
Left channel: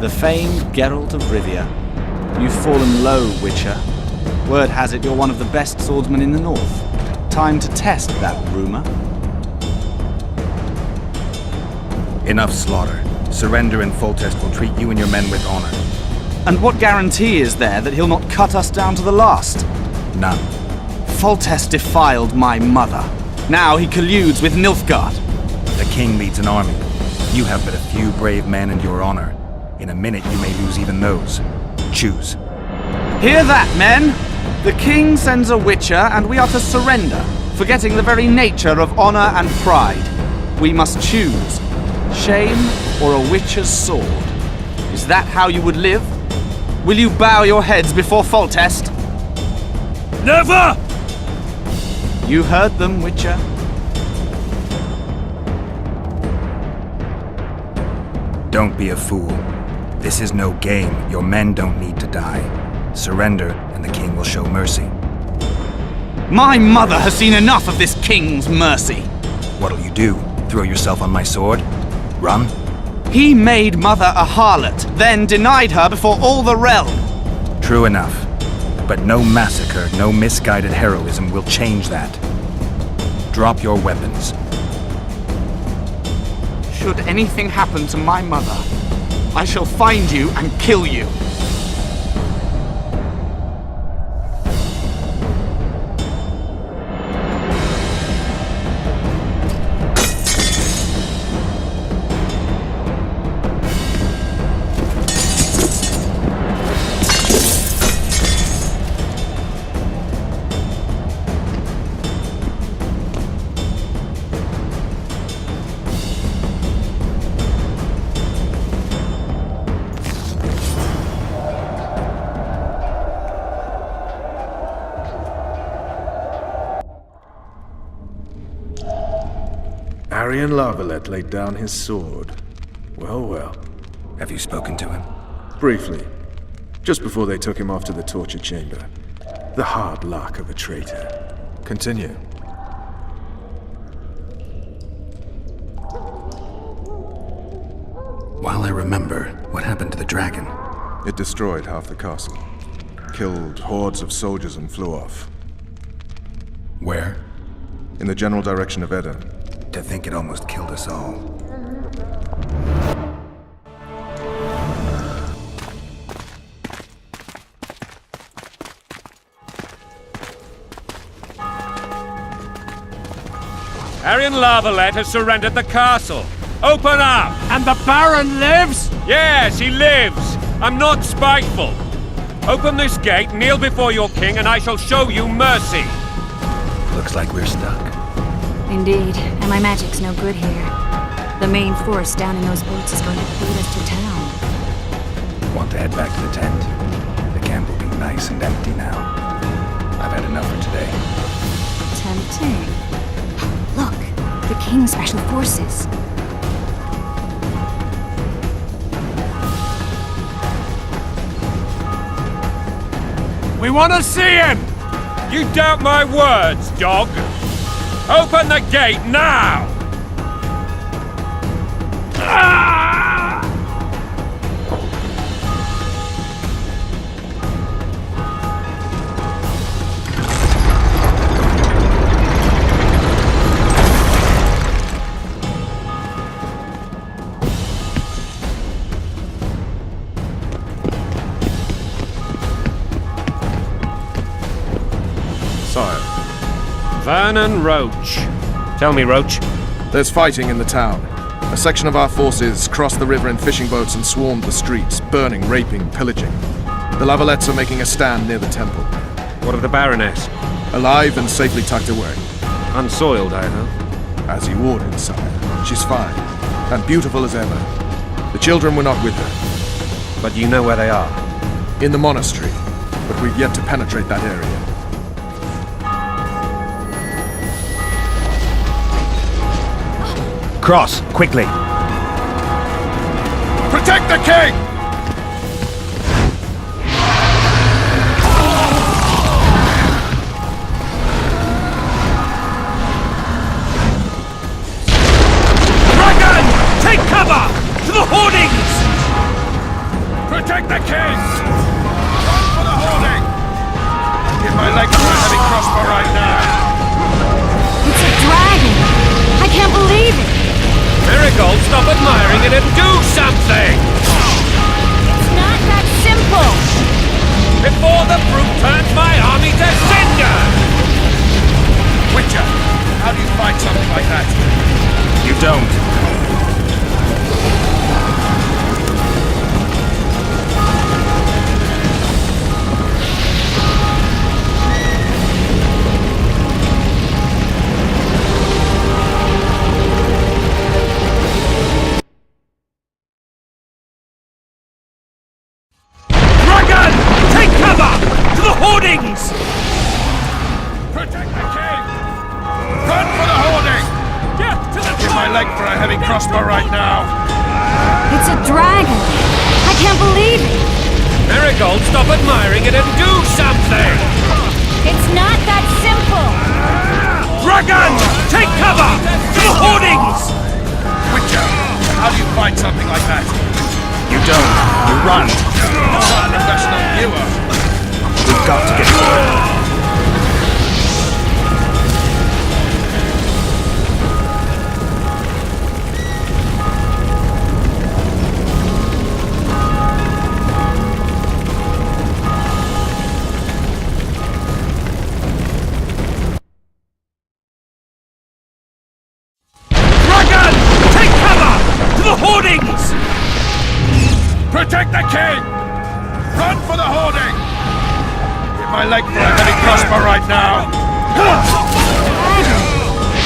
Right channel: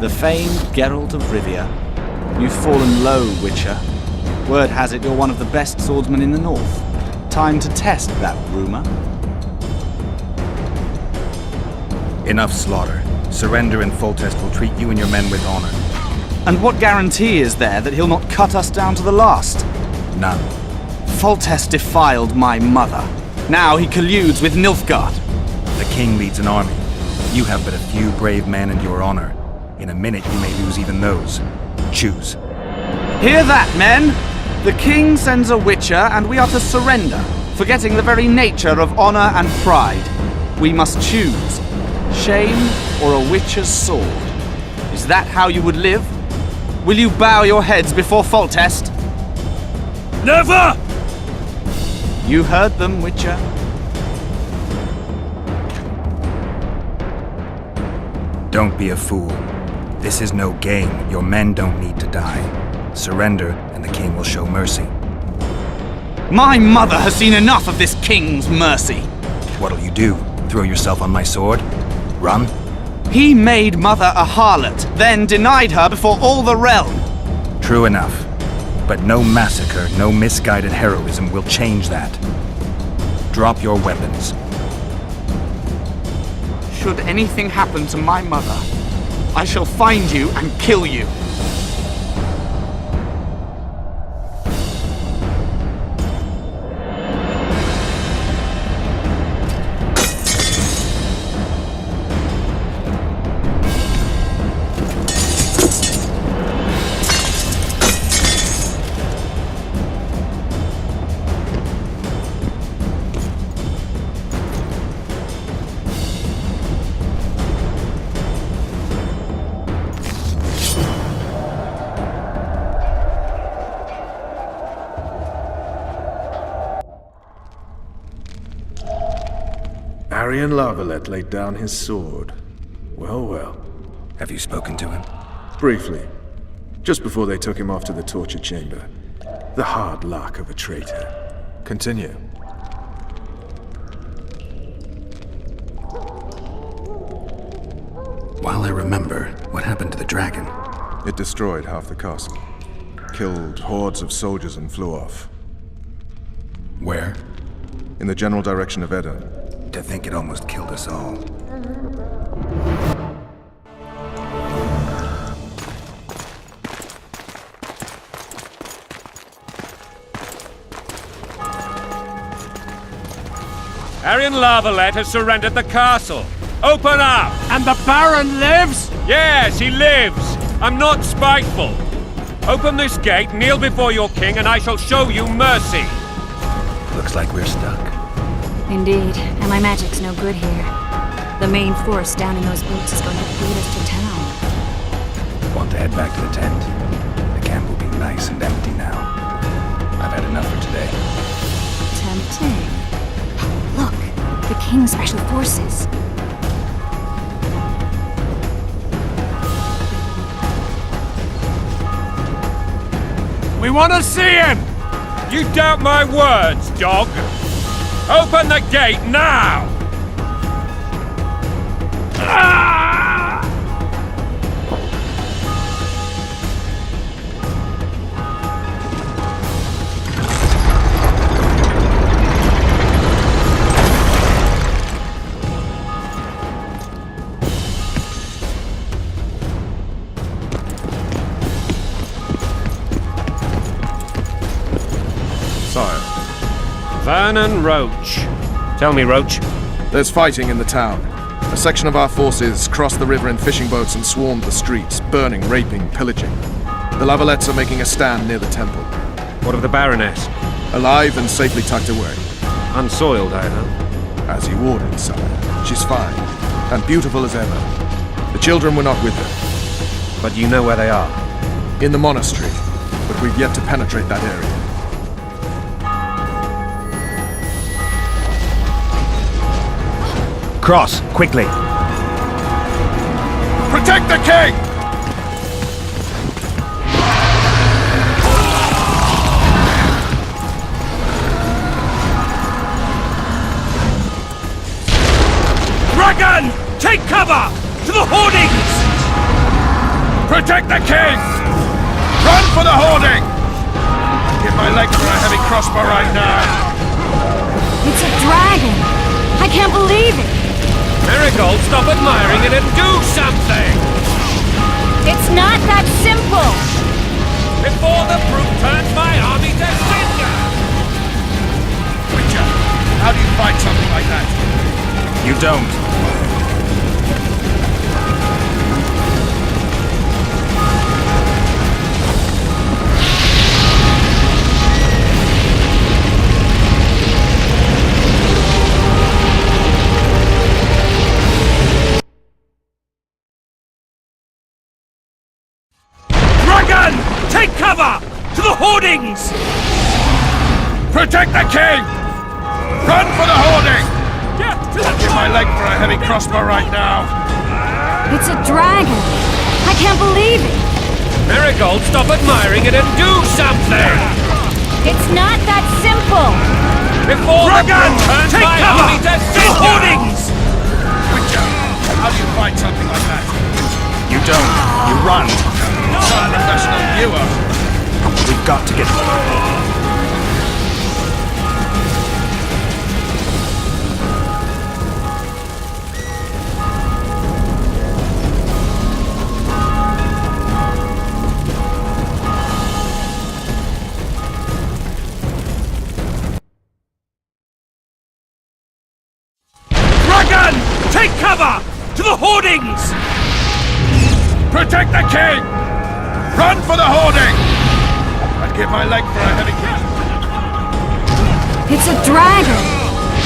The famed Geralt of Rivia. You've fallen low, Witcher. Word has it you're one of the best swordsmen in the north. Time to test that rumor. Enough slaughter. Surrender and Foltest will treat you and your men with honor. And what guarantee is there that he'll not cut us down to the last? None. Foltest defiled my mother. Now he colludes with Nilfgaard. The king leads an army. You have but a few brave men and your honor. In a minute you may lose even those. Choose. Hear that, men! The king sends a Witcher, and we are to surrender, forgetting the very nature of honor and pride. We must choose. Shame or a Witcher's sword. Is that how you would live? Will you bow your heads before Foltest? Never! You heard them, Witcher. Don't be a fool. This is no game. Your men don't need to die. Surrender, and the king will show mercy. My mother has seen enough of this king's mercy. What'll you do? Throw yourself on my sword? Run? He made mother a harlot, then denied her before all the realm. True enough. But no massacre, no misguided heroism will change that. Drop your weapons. Should anything happen to my mother, I shall find you and kill you. Arian Lavalette laid down his sword. Well, well. Have you spoken to him? Briefly. Just before they took him off to the torture chamber. The hard luck of a traitor. Continue. While I remember, what happened to the dragon? It destroyed half the castle. Killed hordes of soldiers and flew off. Where? In the general direction of Edon. To think it almost killed us all. Arian Lavalette has surrendered the castle. Open up! And the Baron lives? Yes, he lives. I'm not spiteful. Open this gate, kneel before your king, and I shall show you mercy. Looks like we're stuck. Indeed, and my magic's no good here. The main force down in those boats is going to beat us to town. Want to head back to the tent? The camp will be nice and empty now. I've had enough for today. Tempting. Look, the King's Special Forces. We want to see him! You doubt my words, dog? Open the gate now! Sire, Vernon Roach. Tell me, Roach. There's fighting in the town. A section of our forces crossed the river in fishing boats and swarmed the streets, burning, raping, pillaging. The Lavalettes are making a stand near the temple. What of the Baroness? Alive and safely tucked away. Unsoiled, I hope. As you ordered, sire. She's fine, and beautiful as ever. The children were not with her. But you know where they are? In the monastery, but we've yet to penetrate that area. Cross, quickly! Protect the king! Dragon! Take cover! To the hoardings! Protect the king! Run for the hoarding! I'd give my leg for a heavy crossbow right now. It's a dragon! I can't believe it! Marigold, stop admiring it and do something! It's not that simple! Before the brute turns my army to cinder! Witcher, how do you fight something like that? You don't. Dragon! Take cover! To the hoardings! Protect the king! heavy crossbow right now. It's a dragon! I can't believe it! Marigold, stop admiring it and do something! It's not that simple! Dragon! Take cover! To the hoardings! Witcher, how do you fight something like that? You don't. You run. Some professional viewer. We've got to get to it. Dragon! Take cover! To the hoardings! Protect the king! Run for the hoarding! I'd give my leg for a heavy crossbow right now. It's a dragon!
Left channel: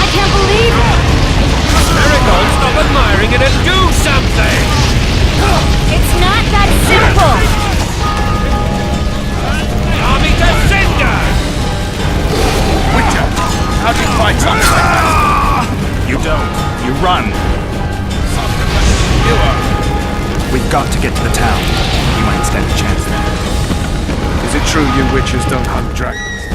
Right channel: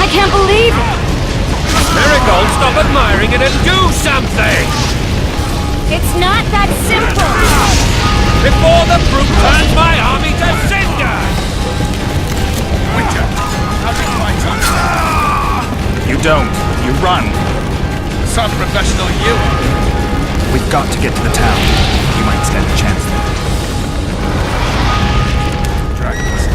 I can't believe it! Marigold, stop admiring it and do something! It's not that simple! Before the brute turns my army to cinder! Witcher, how do you fight something like that? You don't. You run. Some professional viewer. We've got to get to the town. We might stand a chance there. Is it true you witchers don't hunt dragons?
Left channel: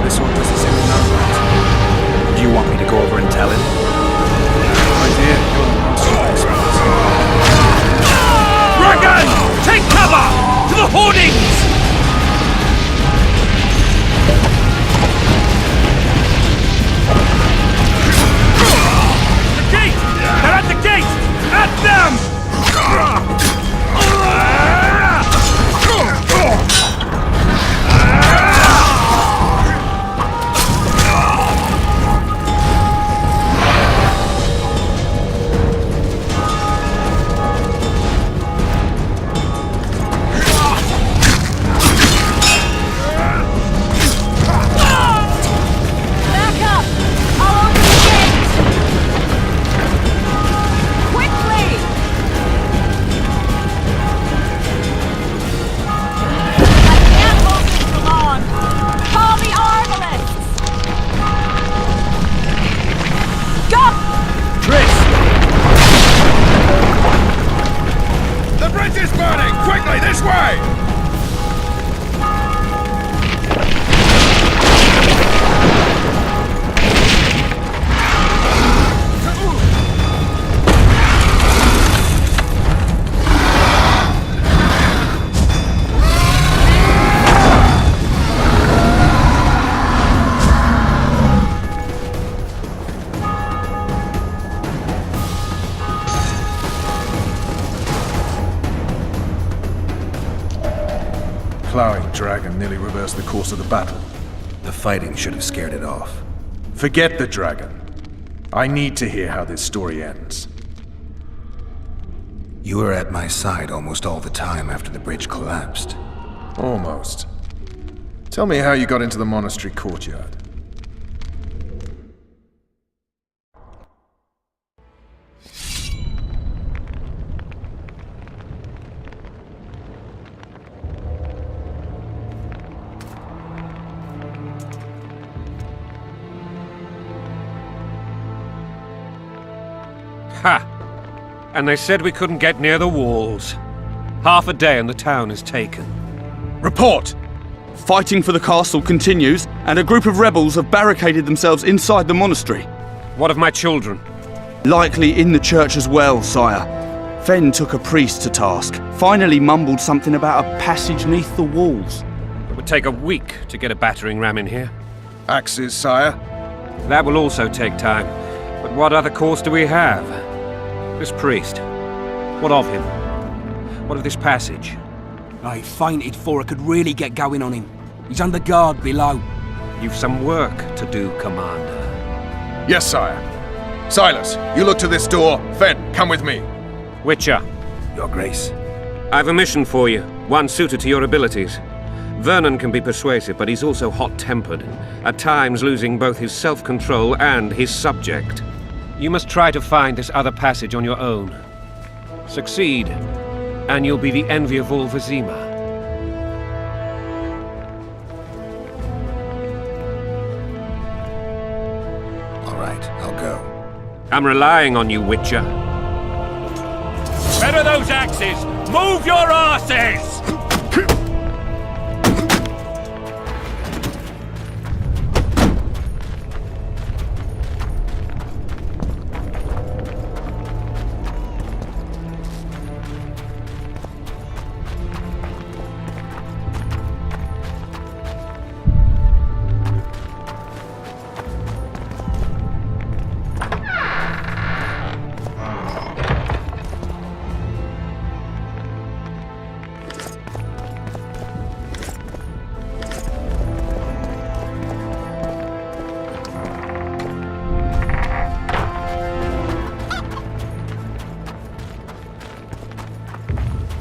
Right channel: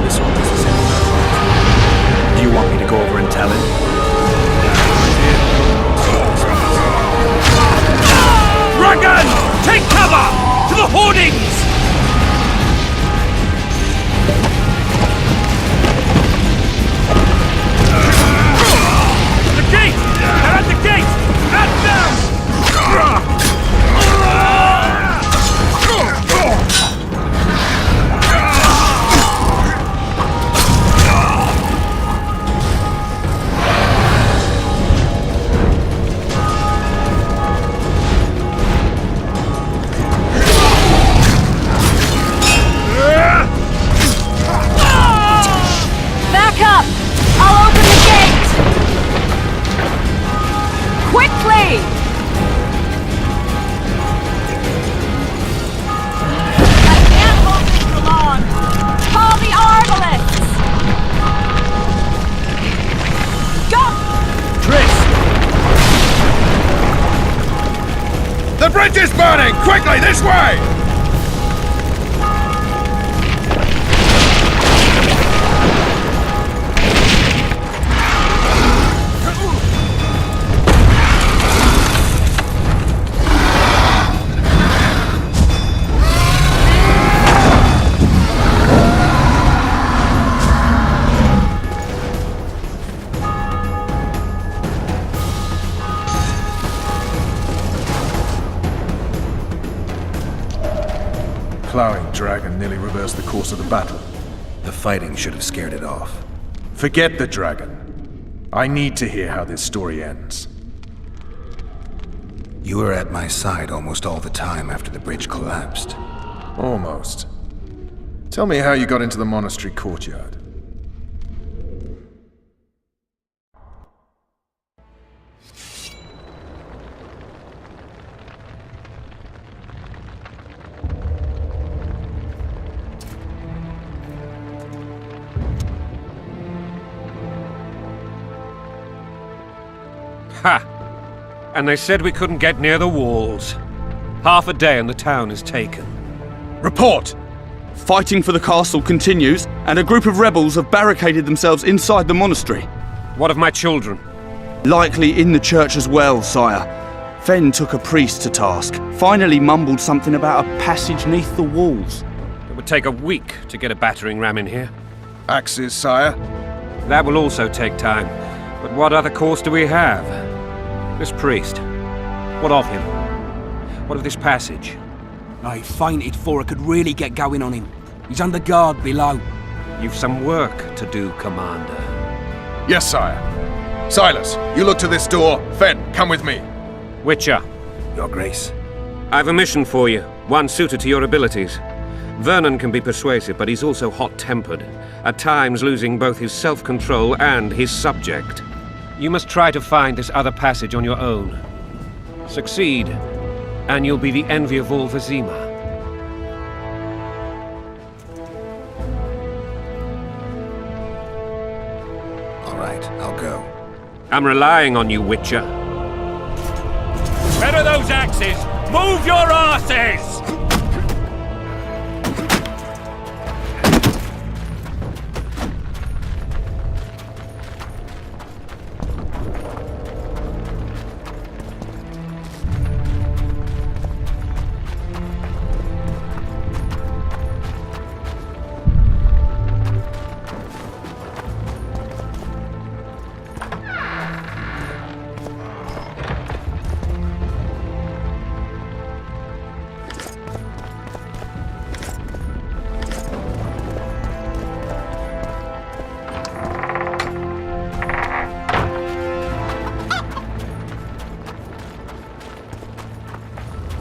This one doesn't seem to know that. Do you want me to go over and tell him? My dear, you're the monster of this place. Dragon! Take cover! To the hoardings! The gate! They're at the gate! At them! Back up! I'll open the gate! Quickly! I can't hold this for long! Call the arbalists! Go! The bridge is burning! Quickly, this way! Plowing dragon nearly reversed the course of the battle. The fighting should have scared it off. Forget the dragon. I need to hear how this story ends. You were at my side almost all the time after the bridge collapsed. Almost. Tell me how you got into the monastery courtyard. Ha! And they said we couldn't get near the walls. Half a day and the town is taken. Report! Fighting for the castle continues, and a group of rebels have barricaded themselves inside the monastery. What of my children? Likely in the church as well, sire. Fen took a priest to task, finally mumbled something about a passage neath the walls. It would take a week to get a battering ram in here. Axes, sire? That will also take time. But what other course do we have? This priest. What of him? What of this passage? I fainted before I could really get going on him. He's under guard below. You've some work to do, Commander. Yes, sire. Silas, you look to this door. Fen, come with me. Witcher. Your Grace. I've a mission for you, one suited to your abilities. Vernon can be persuasive, but he's also hot-tempered, at times losing both his self-control and his subject. You must try to find this other passage on your own. Succeed, and you'll be the envy of all Vizima. All right, I'll go. I'm relying on you, Witcher. Where are those axes? Move your asses!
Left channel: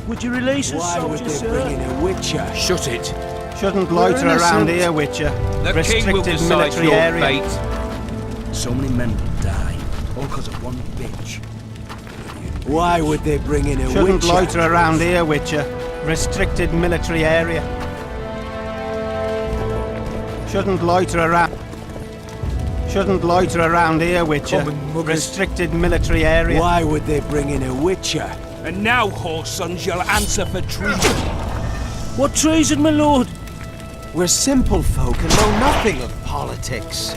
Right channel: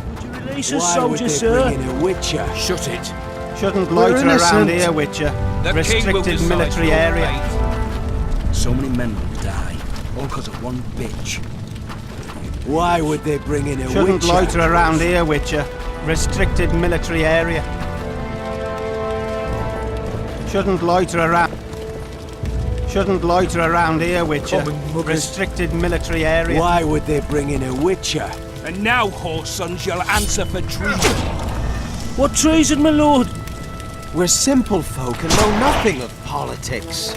Would you release us, soldier, sir? a Witcher? Shut it. Shouldn't We're loiter around innocent. here, Witcher. The king will Restricted decide military your area. fate. So many men will die, all because of one bitch. Why would they bring in a Shouldn't Witcher? loiter around here, Witcher. Restricted military area. Shouldn't loiter around. Shouldn't loiter around here, Witcher. Common muggers. Restricted military area. Why would they bring in a Witcher? And now, whoresons, you'll answer for treason. What treason, my lord? We're simple folk and know nothing of politics.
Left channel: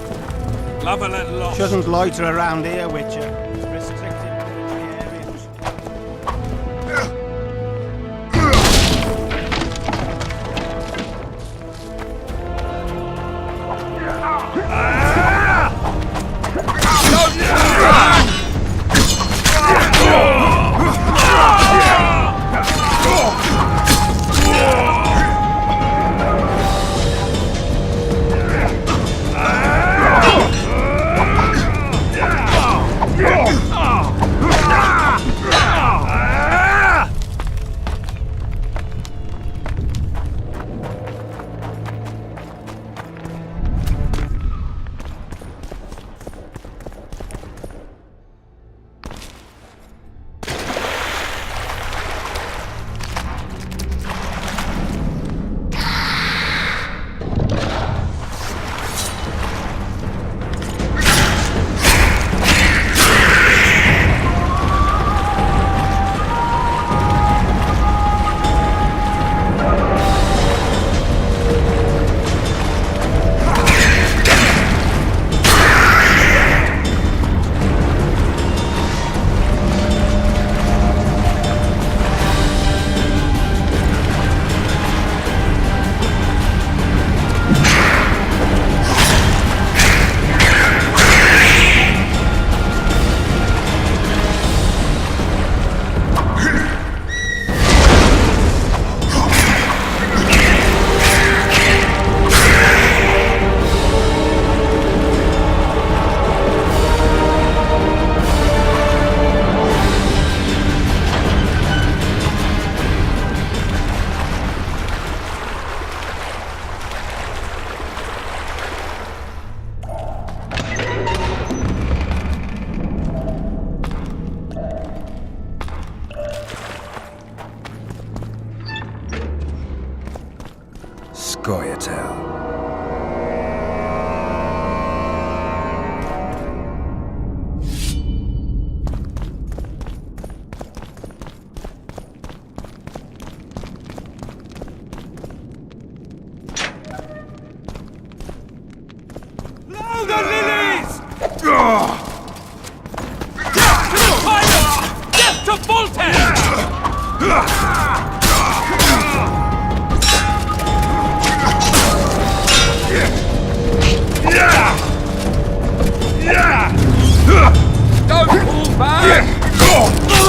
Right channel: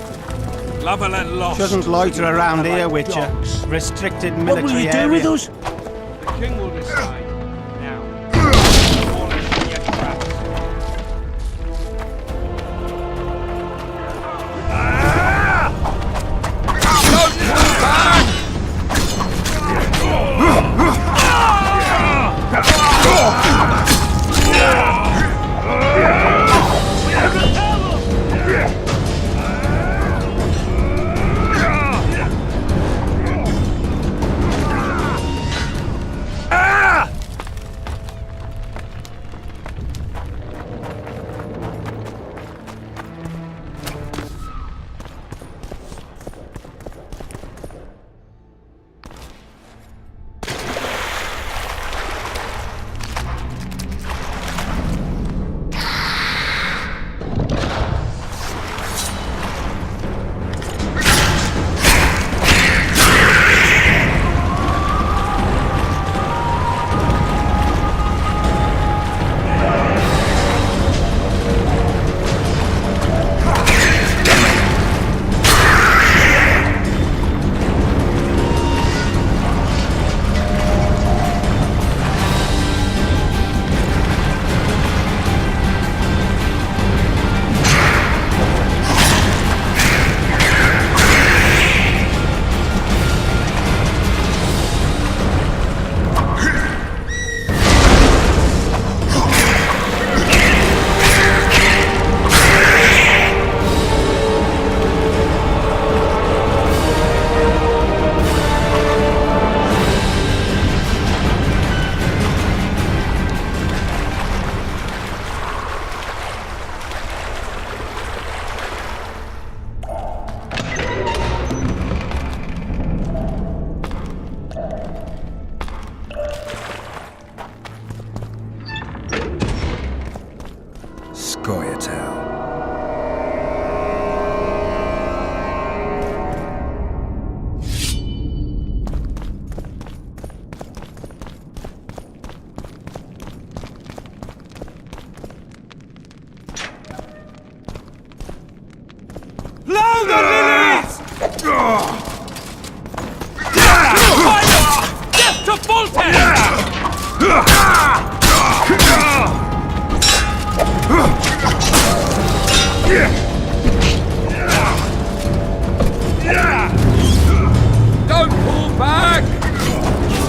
Lovell and lost. Shouldn't loiter around here, Witcher. Restricted What will military you do area. with us? The king will decide. Now. Scoia'tael. Blow the lilies! Death to Voltaire! Don't pull back!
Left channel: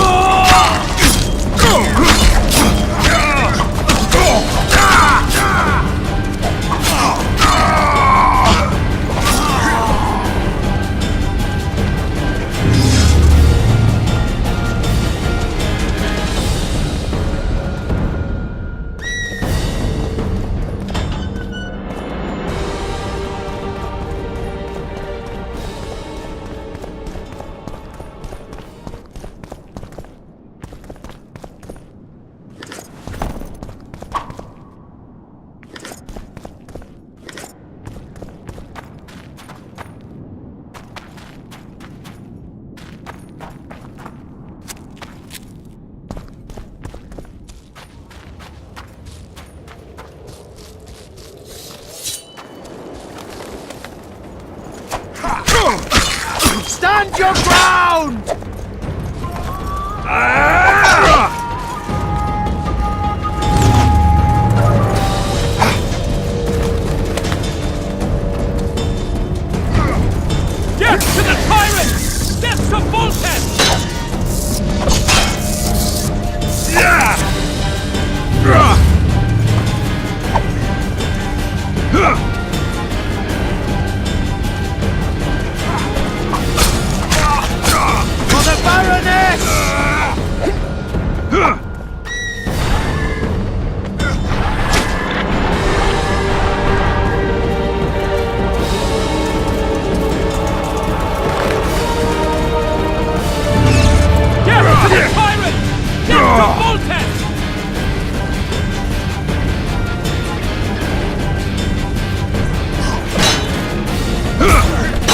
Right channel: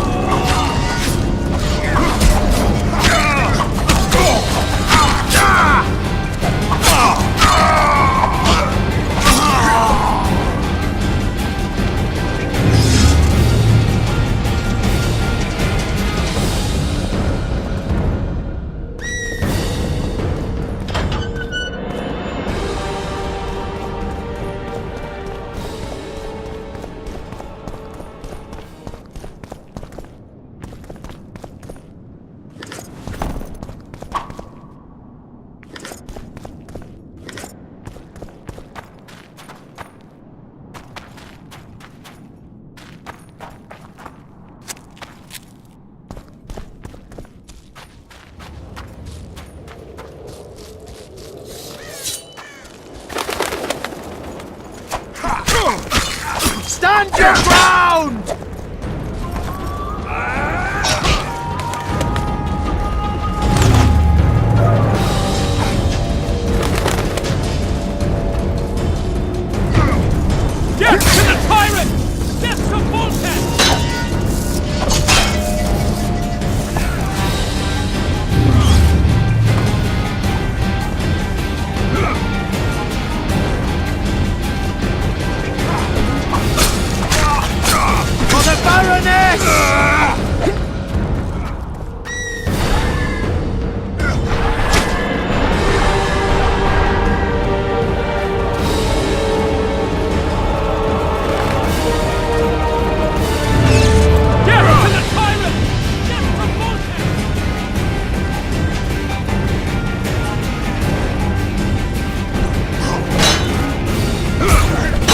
Stand your ground! Get to the tyrant! Get to Voltes! For the Baroness! Get to the tyrant! Get to Voltes!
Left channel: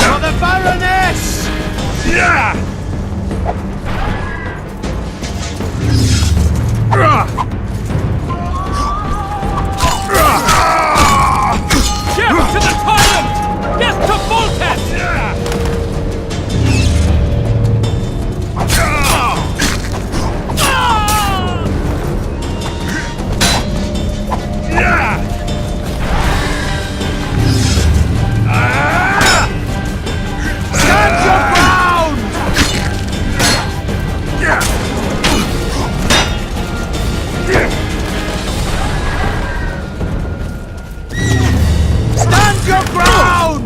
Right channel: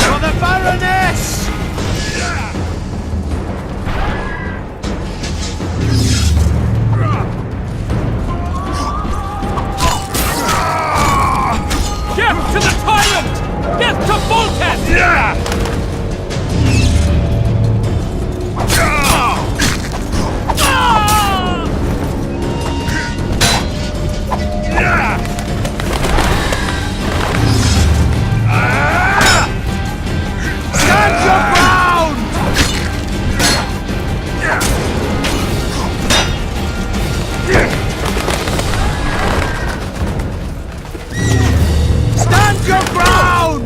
For the Baroness! Get to the tyrant! Get to Voltes! Stand your ground! Stand your ground!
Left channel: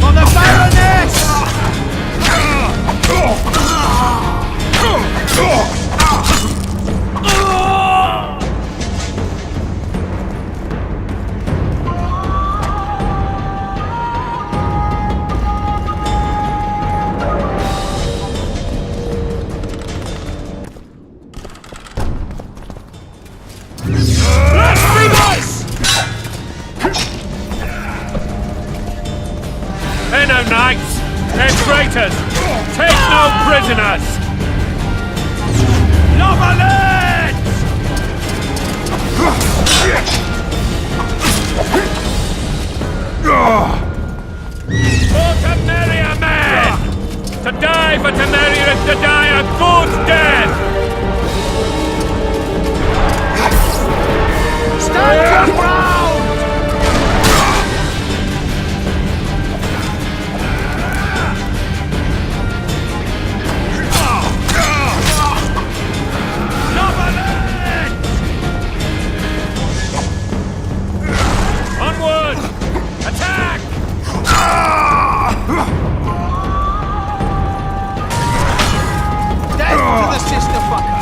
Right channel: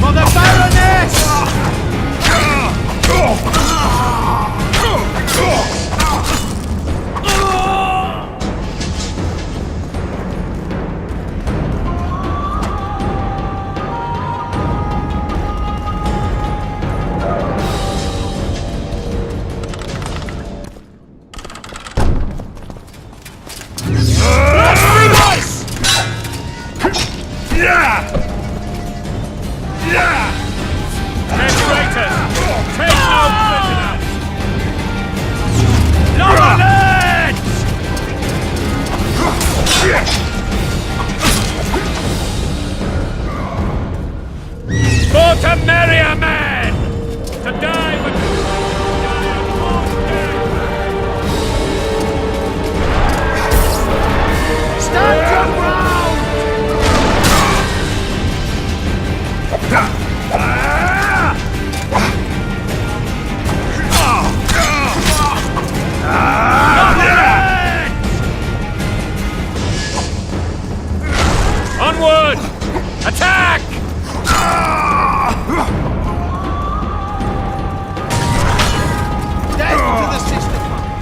For the Baroness! They're no knights! They're traitors! Take no prisoners! Loverlets! For Temeria, men! To die for Temeria is to die a good death! Stand your ground! Onward! Attack! Death to the sister fucker!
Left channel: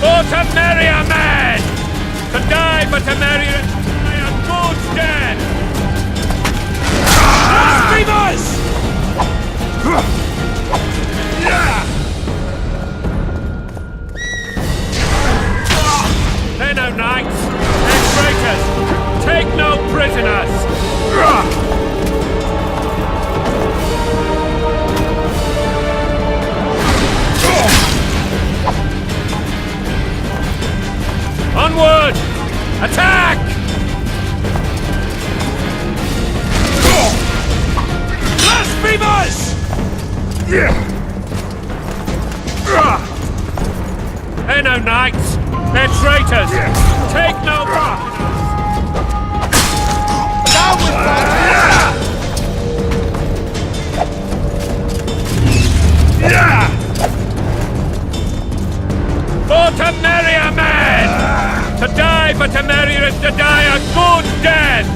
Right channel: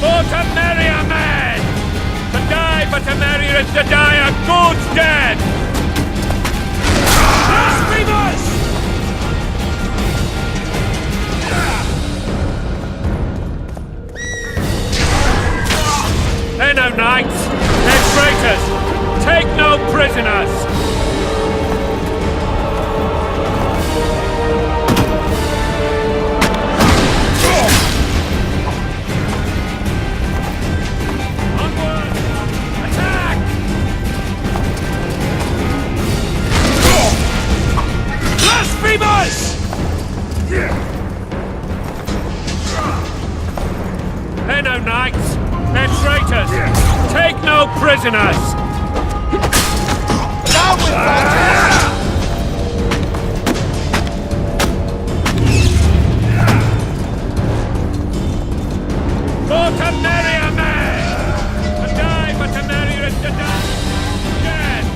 For Temeria, men! To die for Temeria is to die a good death! Blasphemers! They're no knights! They're traitors! Take no prisoners! Onward! Attack! Blasphemers! They're no knights! They're traitors! Take no prisoners! Down with Voltes! For Temeria, men! To die for Temeria is to die a good death!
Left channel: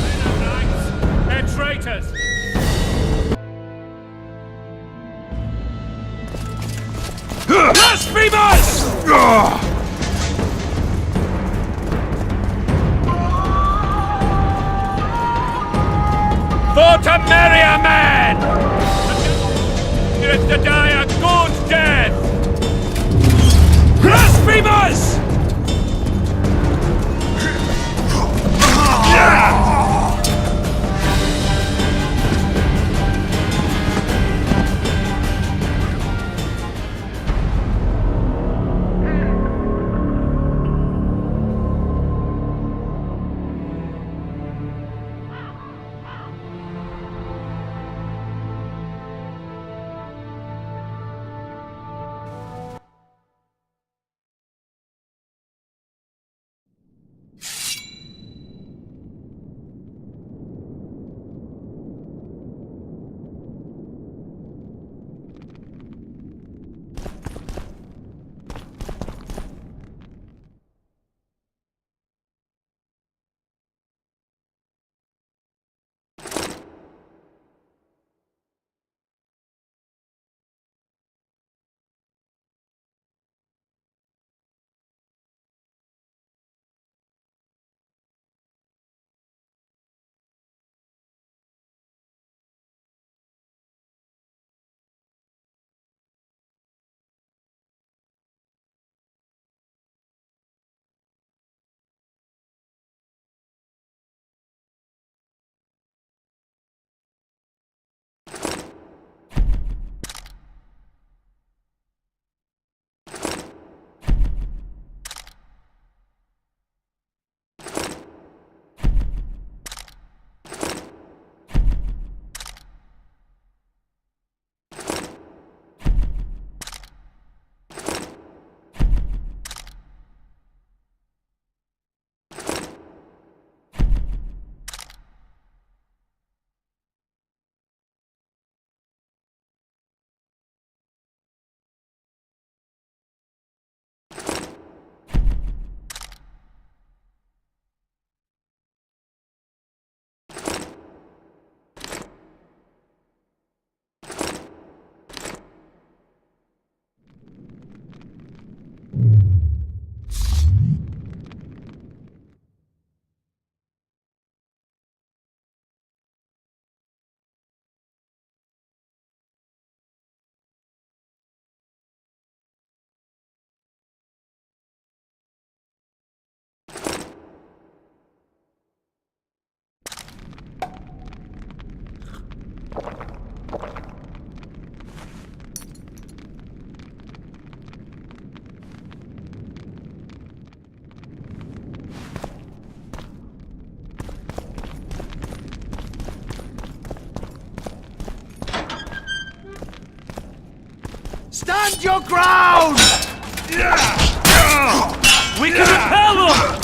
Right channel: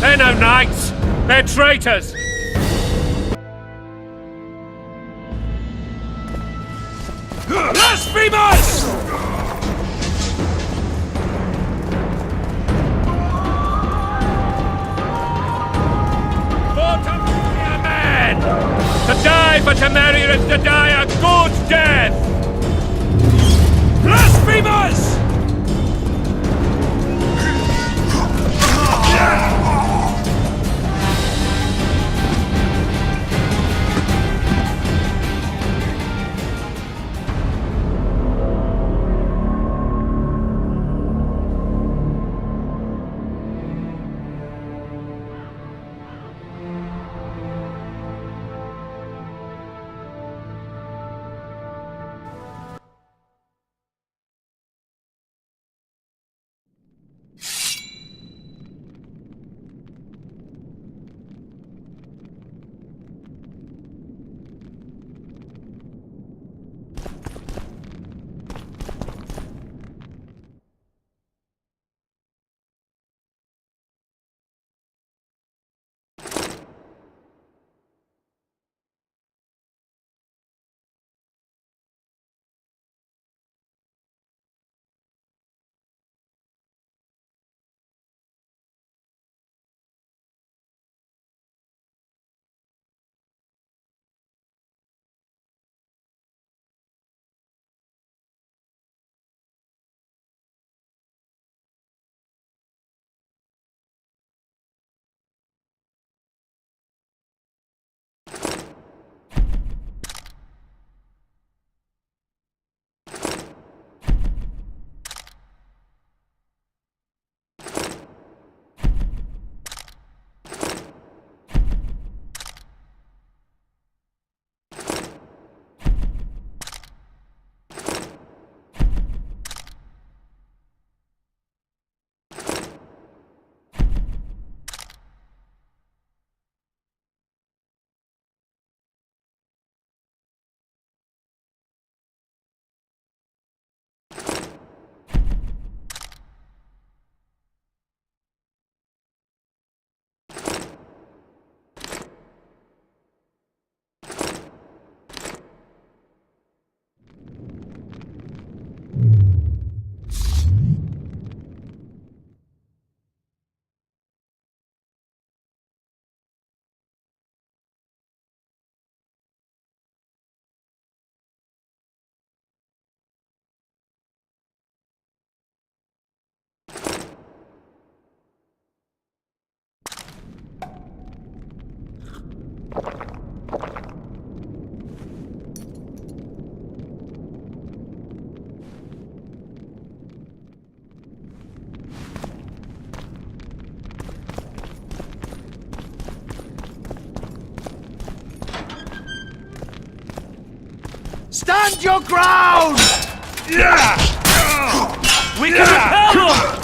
They're no knights! They're traitors! Blasphemers! For Temeria, men! To die for Temeria is to die a good death! Blasphemers! Stand your ground! We can repel them!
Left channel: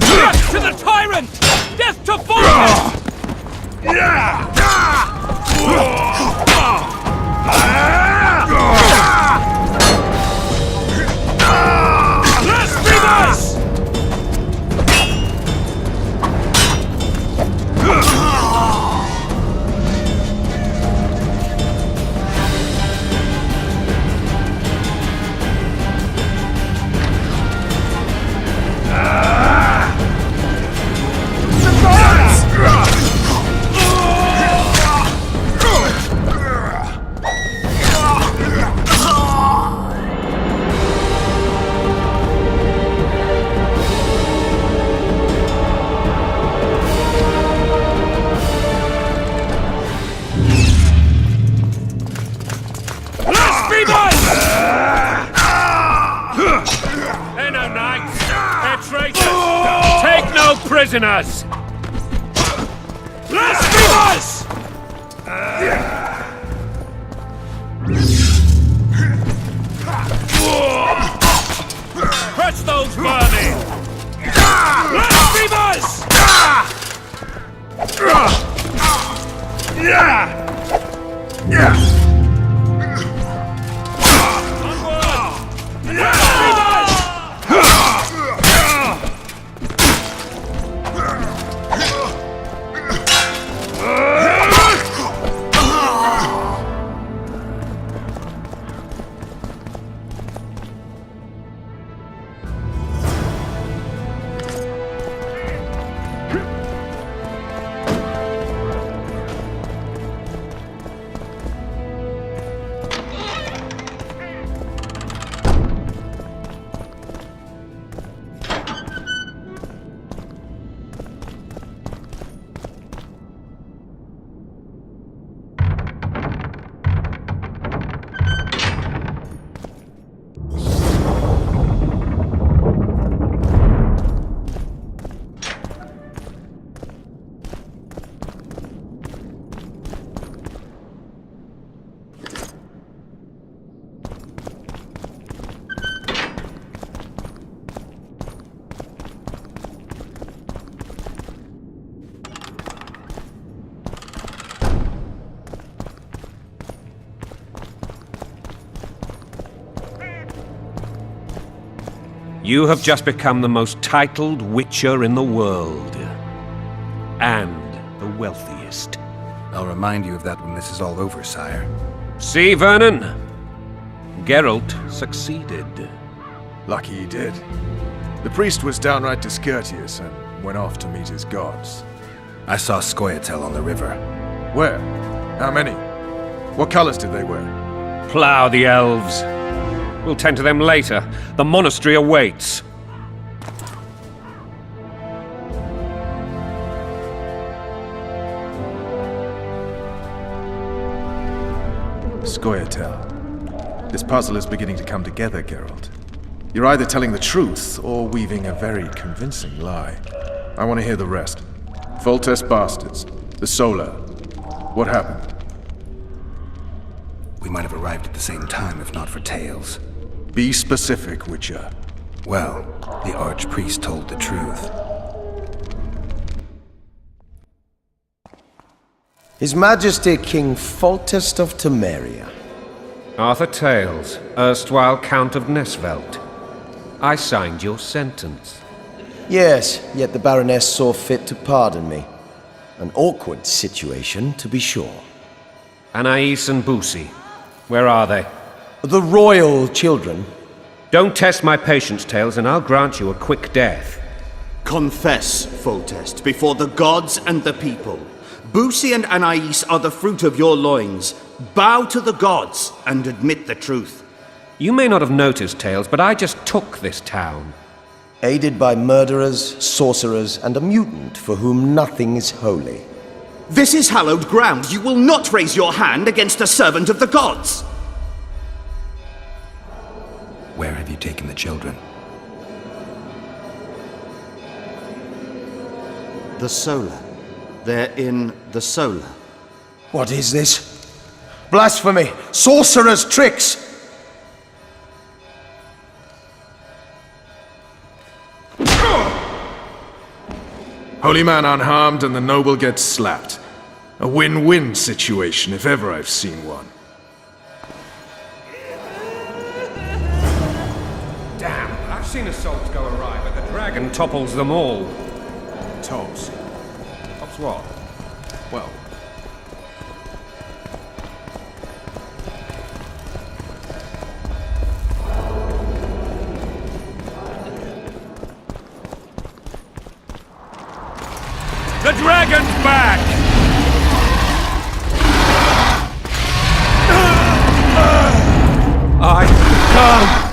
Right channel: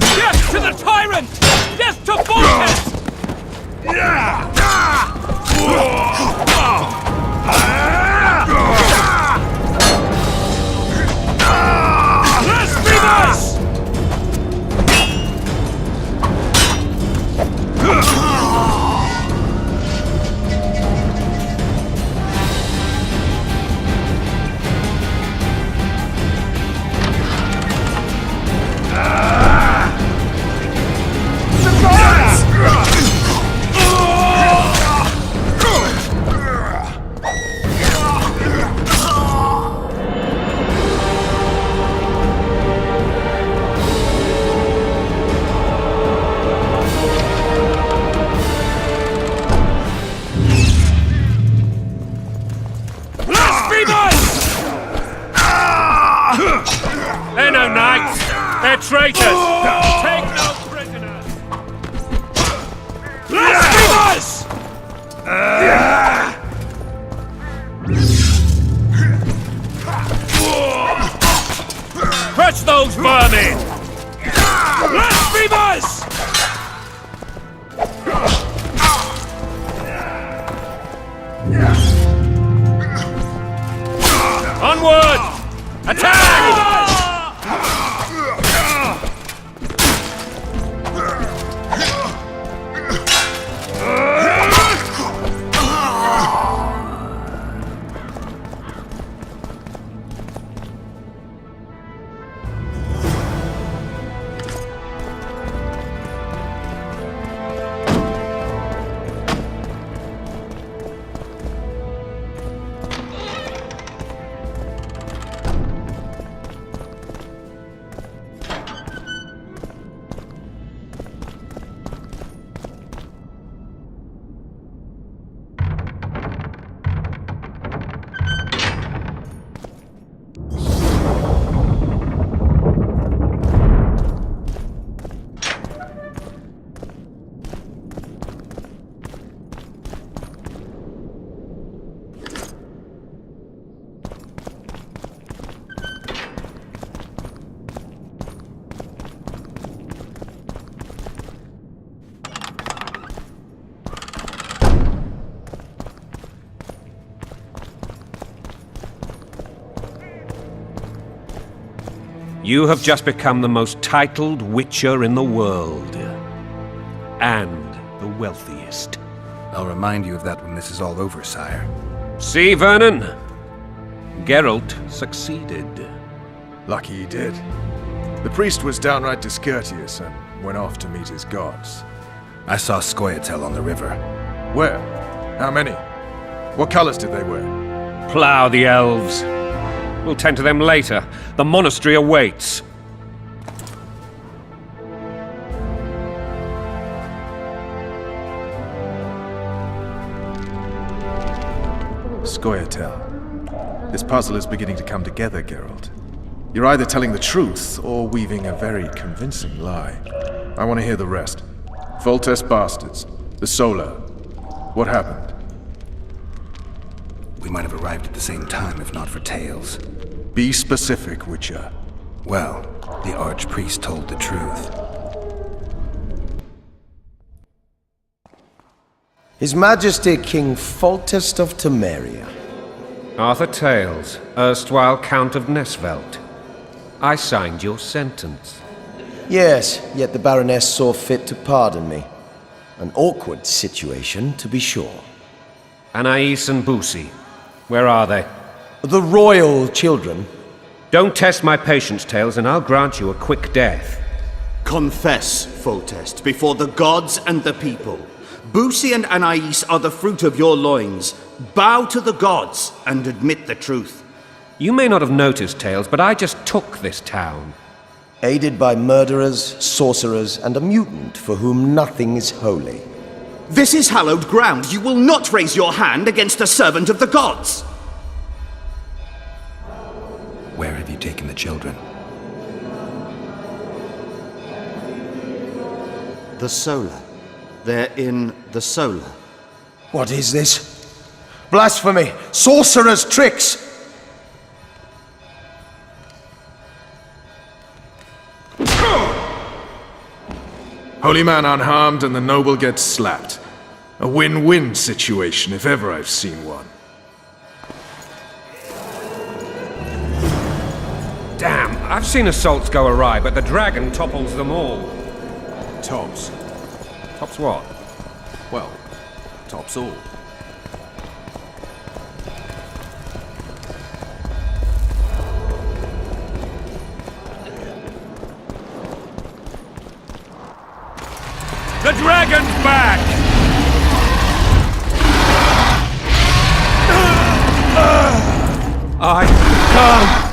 Death to the tyrant! Death to Vulcan! Blasphemers! They're no knights! They're traitors! Take no prisoners! Blasphemers! Curse those vermin! Blasphemers! Onward! Attack! You have just become the most titled Witcher in the world. And the wealthiest. I'll remind you of that when this is all over, sire. See, Vernon? Geralt succeeded. Lucky he did. The priest was downright discourteous and went off to meet his gods. I saw Scoia'tael on the river. Where? How many? What colors did they wear? Plough the elves. We'll tend to them later. The monastery awaits. Scoia'tael. This puzzle is beginning to come together, Geralt. You're either telling the truth or weaving a very convincing lie. I want to hear the rest. Foltest bastards. The Solar. What happened? We might have arrived at the same time if not for Tales. Be specific, Witcher. Well, the Archpriest told the truth. His Majesty King Foltest of Temeria. Arthur Tales, erstwhile Count of Nesvelt. I signed your sentence. Yes, yet the Baroness saw fit to pardon me. An awkward situation, to be sure. Anais and Boussy, where are they? The royal children. Don't test my patience, Tales, and I'll grant you a quick death. Confess, Foltest, before the gods and the people. Boussy and Anais are the fruit of your loins. Bow to the gods and admit the truth. You may not have noticed, Tales, but I just took this town. Aided by murderers, sorcerers, and a mutant for whom nothing is holy. This is hallowed ground. You will not raise your hand against a servant of the gods. Where have you taken the children? The Solar. They're in the Solar. What is this? Blasphemy! Sorcerer's tricks! Holy man unharmed and the noble gets slapped. A win-win situation if ever I've seen one. Damn, I've seen assaults go awry, but the dragon topples them all. Tops. Tops what? Well, tops all. The dragon's back! I can't.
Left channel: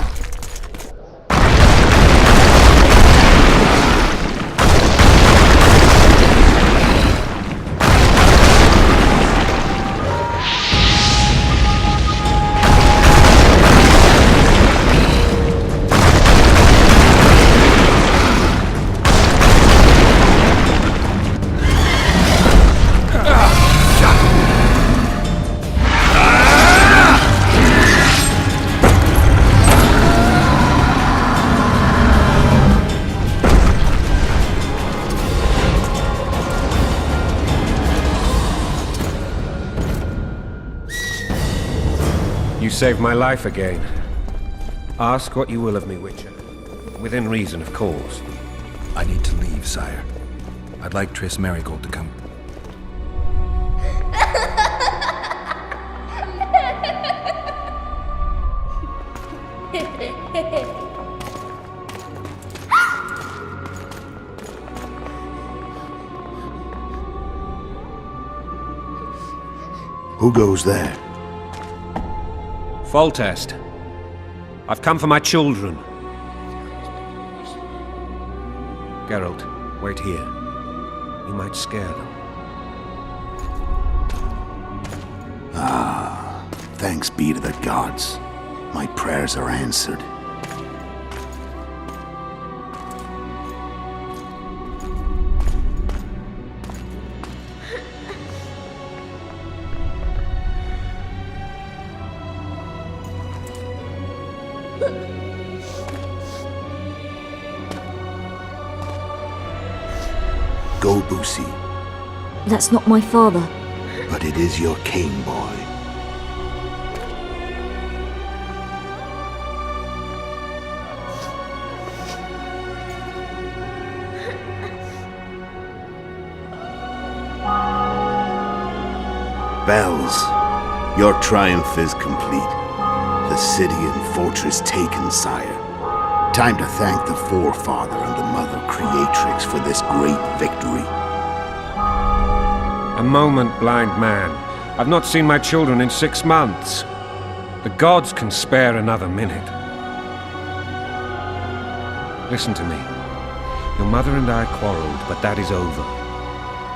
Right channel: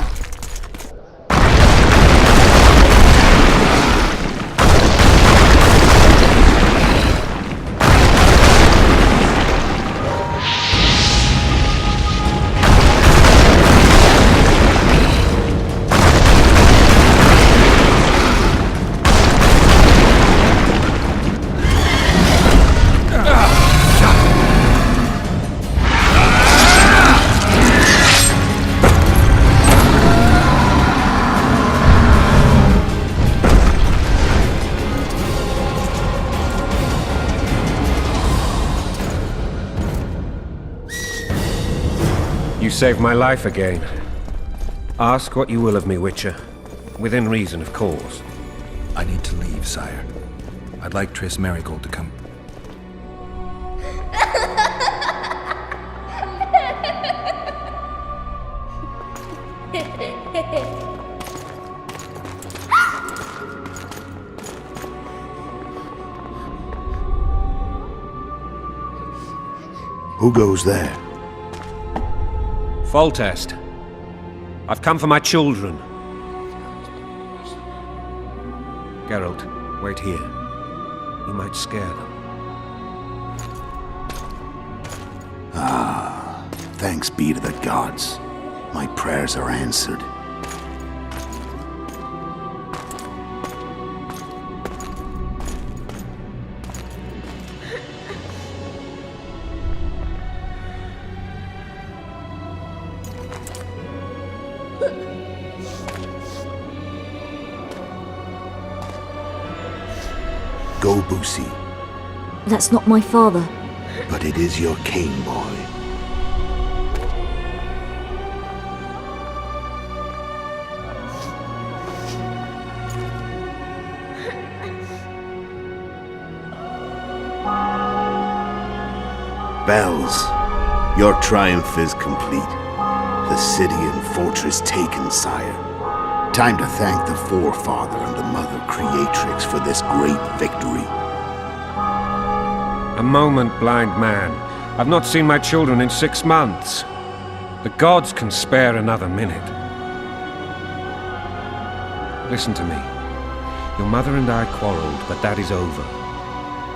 You saved my life again. Ask what you will of me, Witcher. Within reason, of course. I need to leave, sire. I'd like Triss Merigold to come. Who goes there? Foltest. I've come for my children. Geralt, wait here. You might scare them. Thanks be to the gods. My prayers are answered. Go, Boosie. That's not my father. But it is your king, boy. Bells, your triumph is complete. The city and fortress taken, sire. Time to thank the Forefather and the Mother Creatrix for this great victory. A moment, blind man. I've not seen my children in 6 months. The gods can spare another minute. Listen to me. Your mother and I quarreled, but that is over.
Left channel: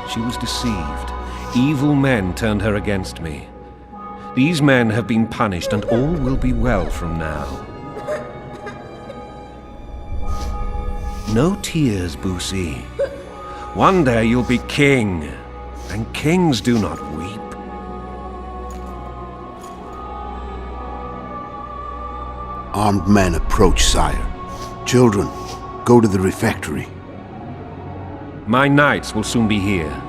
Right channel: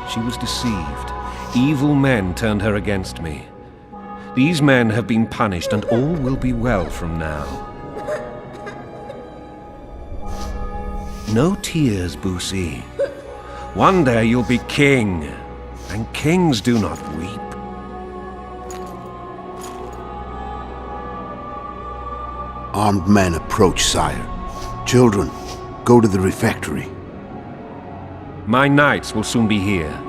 She was deceived. Evil men turned her against me. These men have been punished, and all will be well from now. No tears, Boosie. One day you'll be king, and kings do not weep. Armed men approach, sire. Children, go to the refectory. My knights will soon be here.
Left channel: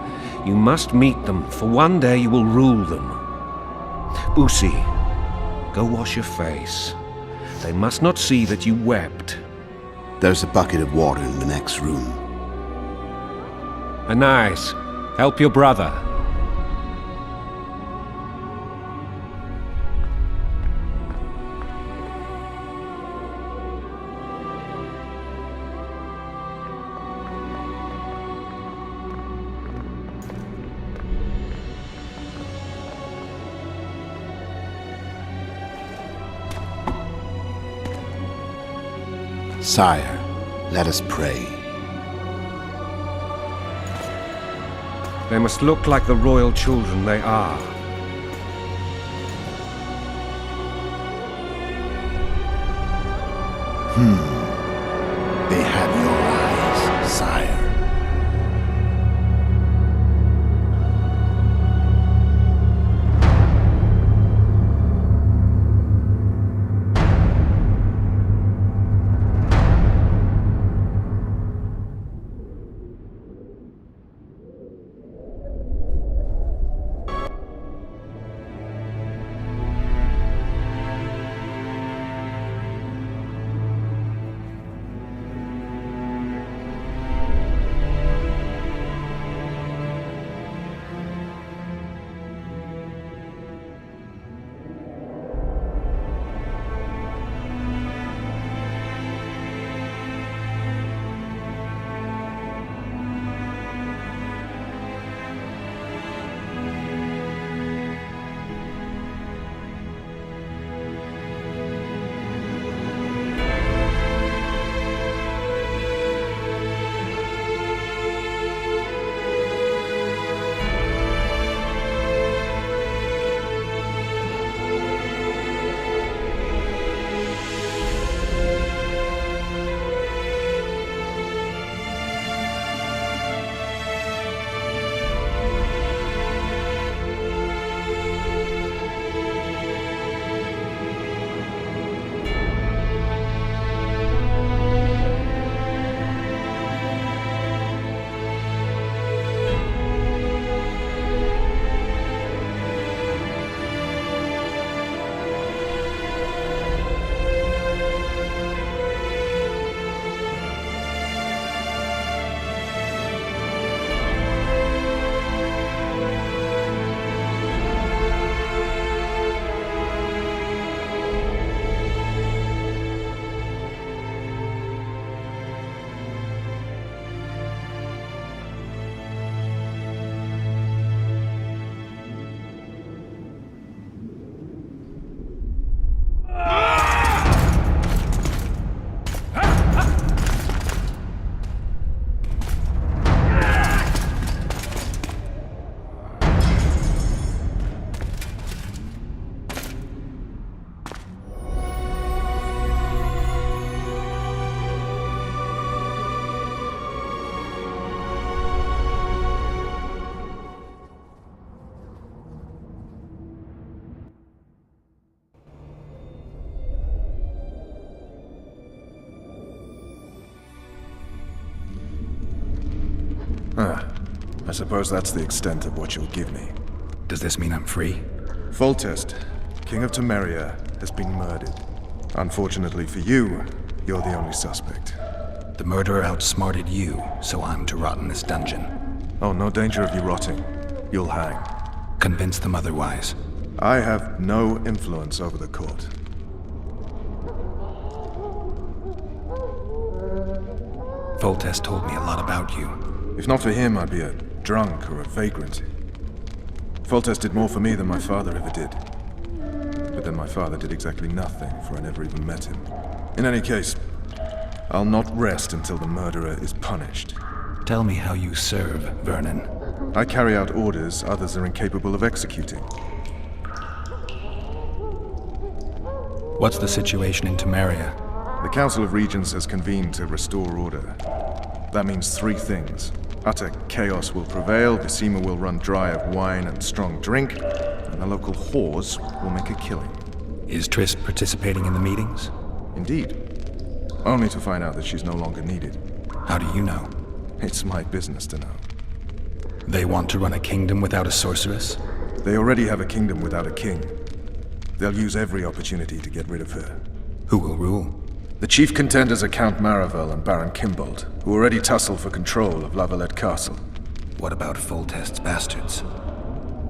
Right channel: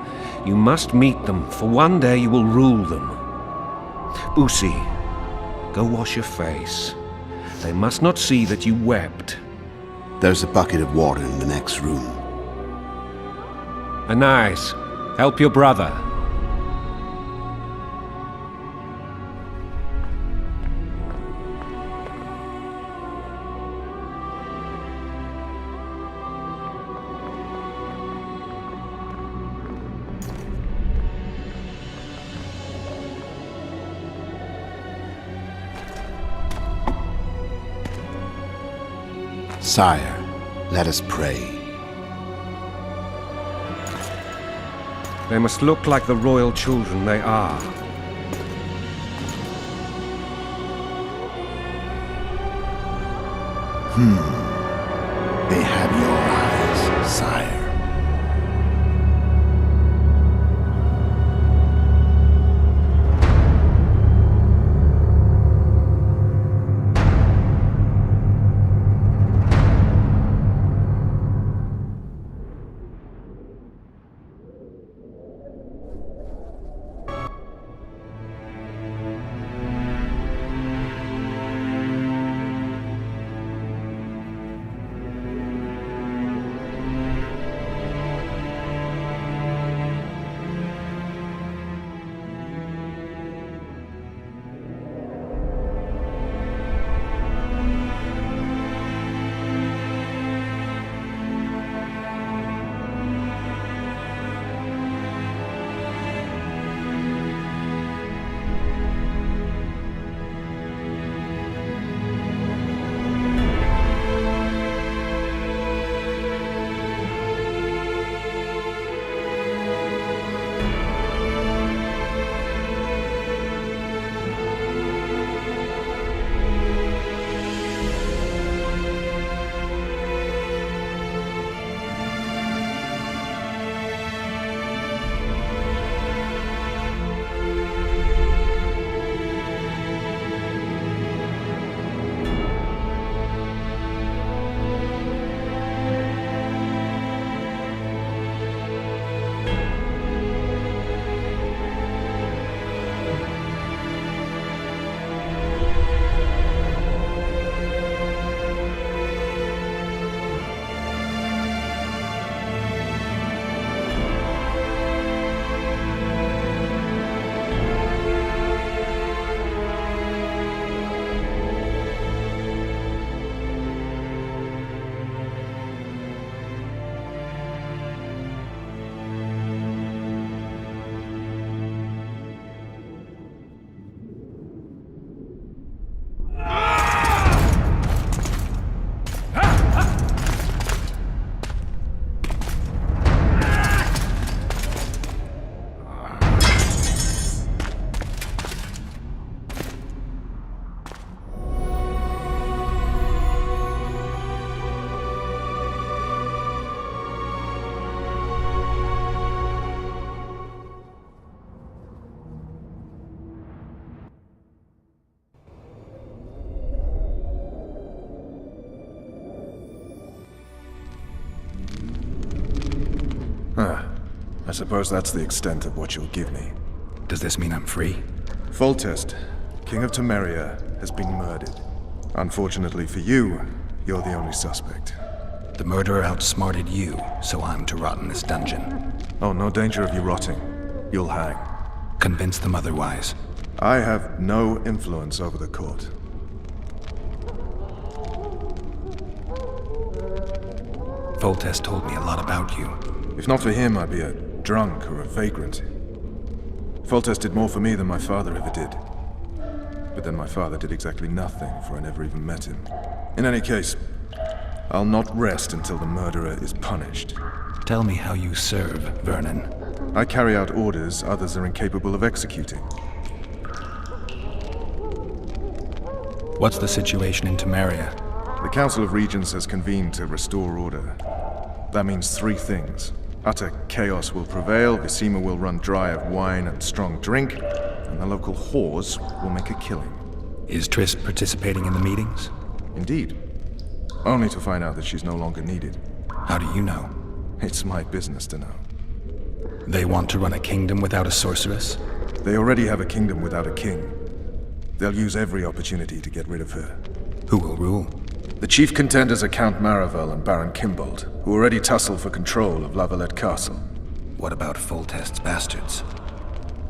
You must meet them, for one day you will rule them. Boosie, go wash your face. They must not see that you wept. There's a bucket of water in the next room. Anais, help your brother. Sire, let us pray. They must look like the royal children they are. They have your eyes, sire. I suppose that's the extent of what you'll give me. Does this mean I'm free? Foltest, King of Temeria, has been murdered. Unfortunately for you, you're the only suspect. The murderer outsmarted you, so I'm to rot in this dungeon. Oh, no danger of you rotting. You'll hang. Convince them otherwise. I have no influence over the court. Foltest told me a lot about you. If not for him, I'd be a drunk or a vagrant. Foltest did more for me than my father ever did. But then my father did exactly nothing, for I never even met him. In any case, I'll not rest until the murderer is punished. Tell me how you serve, Vernon. I carry out orders others are incapable of executing. What's the situation in Temeria? The Council of Regents has convened to restore order. That means three things. Utter chaos will prevail, Visima will run dry of wine and strong drink, and the local whores will make a killing. Is Triss participating in the meetings? Indeed. Only to find out that she's no longer needed. How do you know? It's my business to know. They want to run a kingdom without a sorceress? They already have a kingdom without a king. They'll use every opportunity to get rid of her. Who will rule? The chief contenders are Count Maravel and Baron Kimbold, who already tussle for control of Lavalette Castle. What about Foltest's bastards?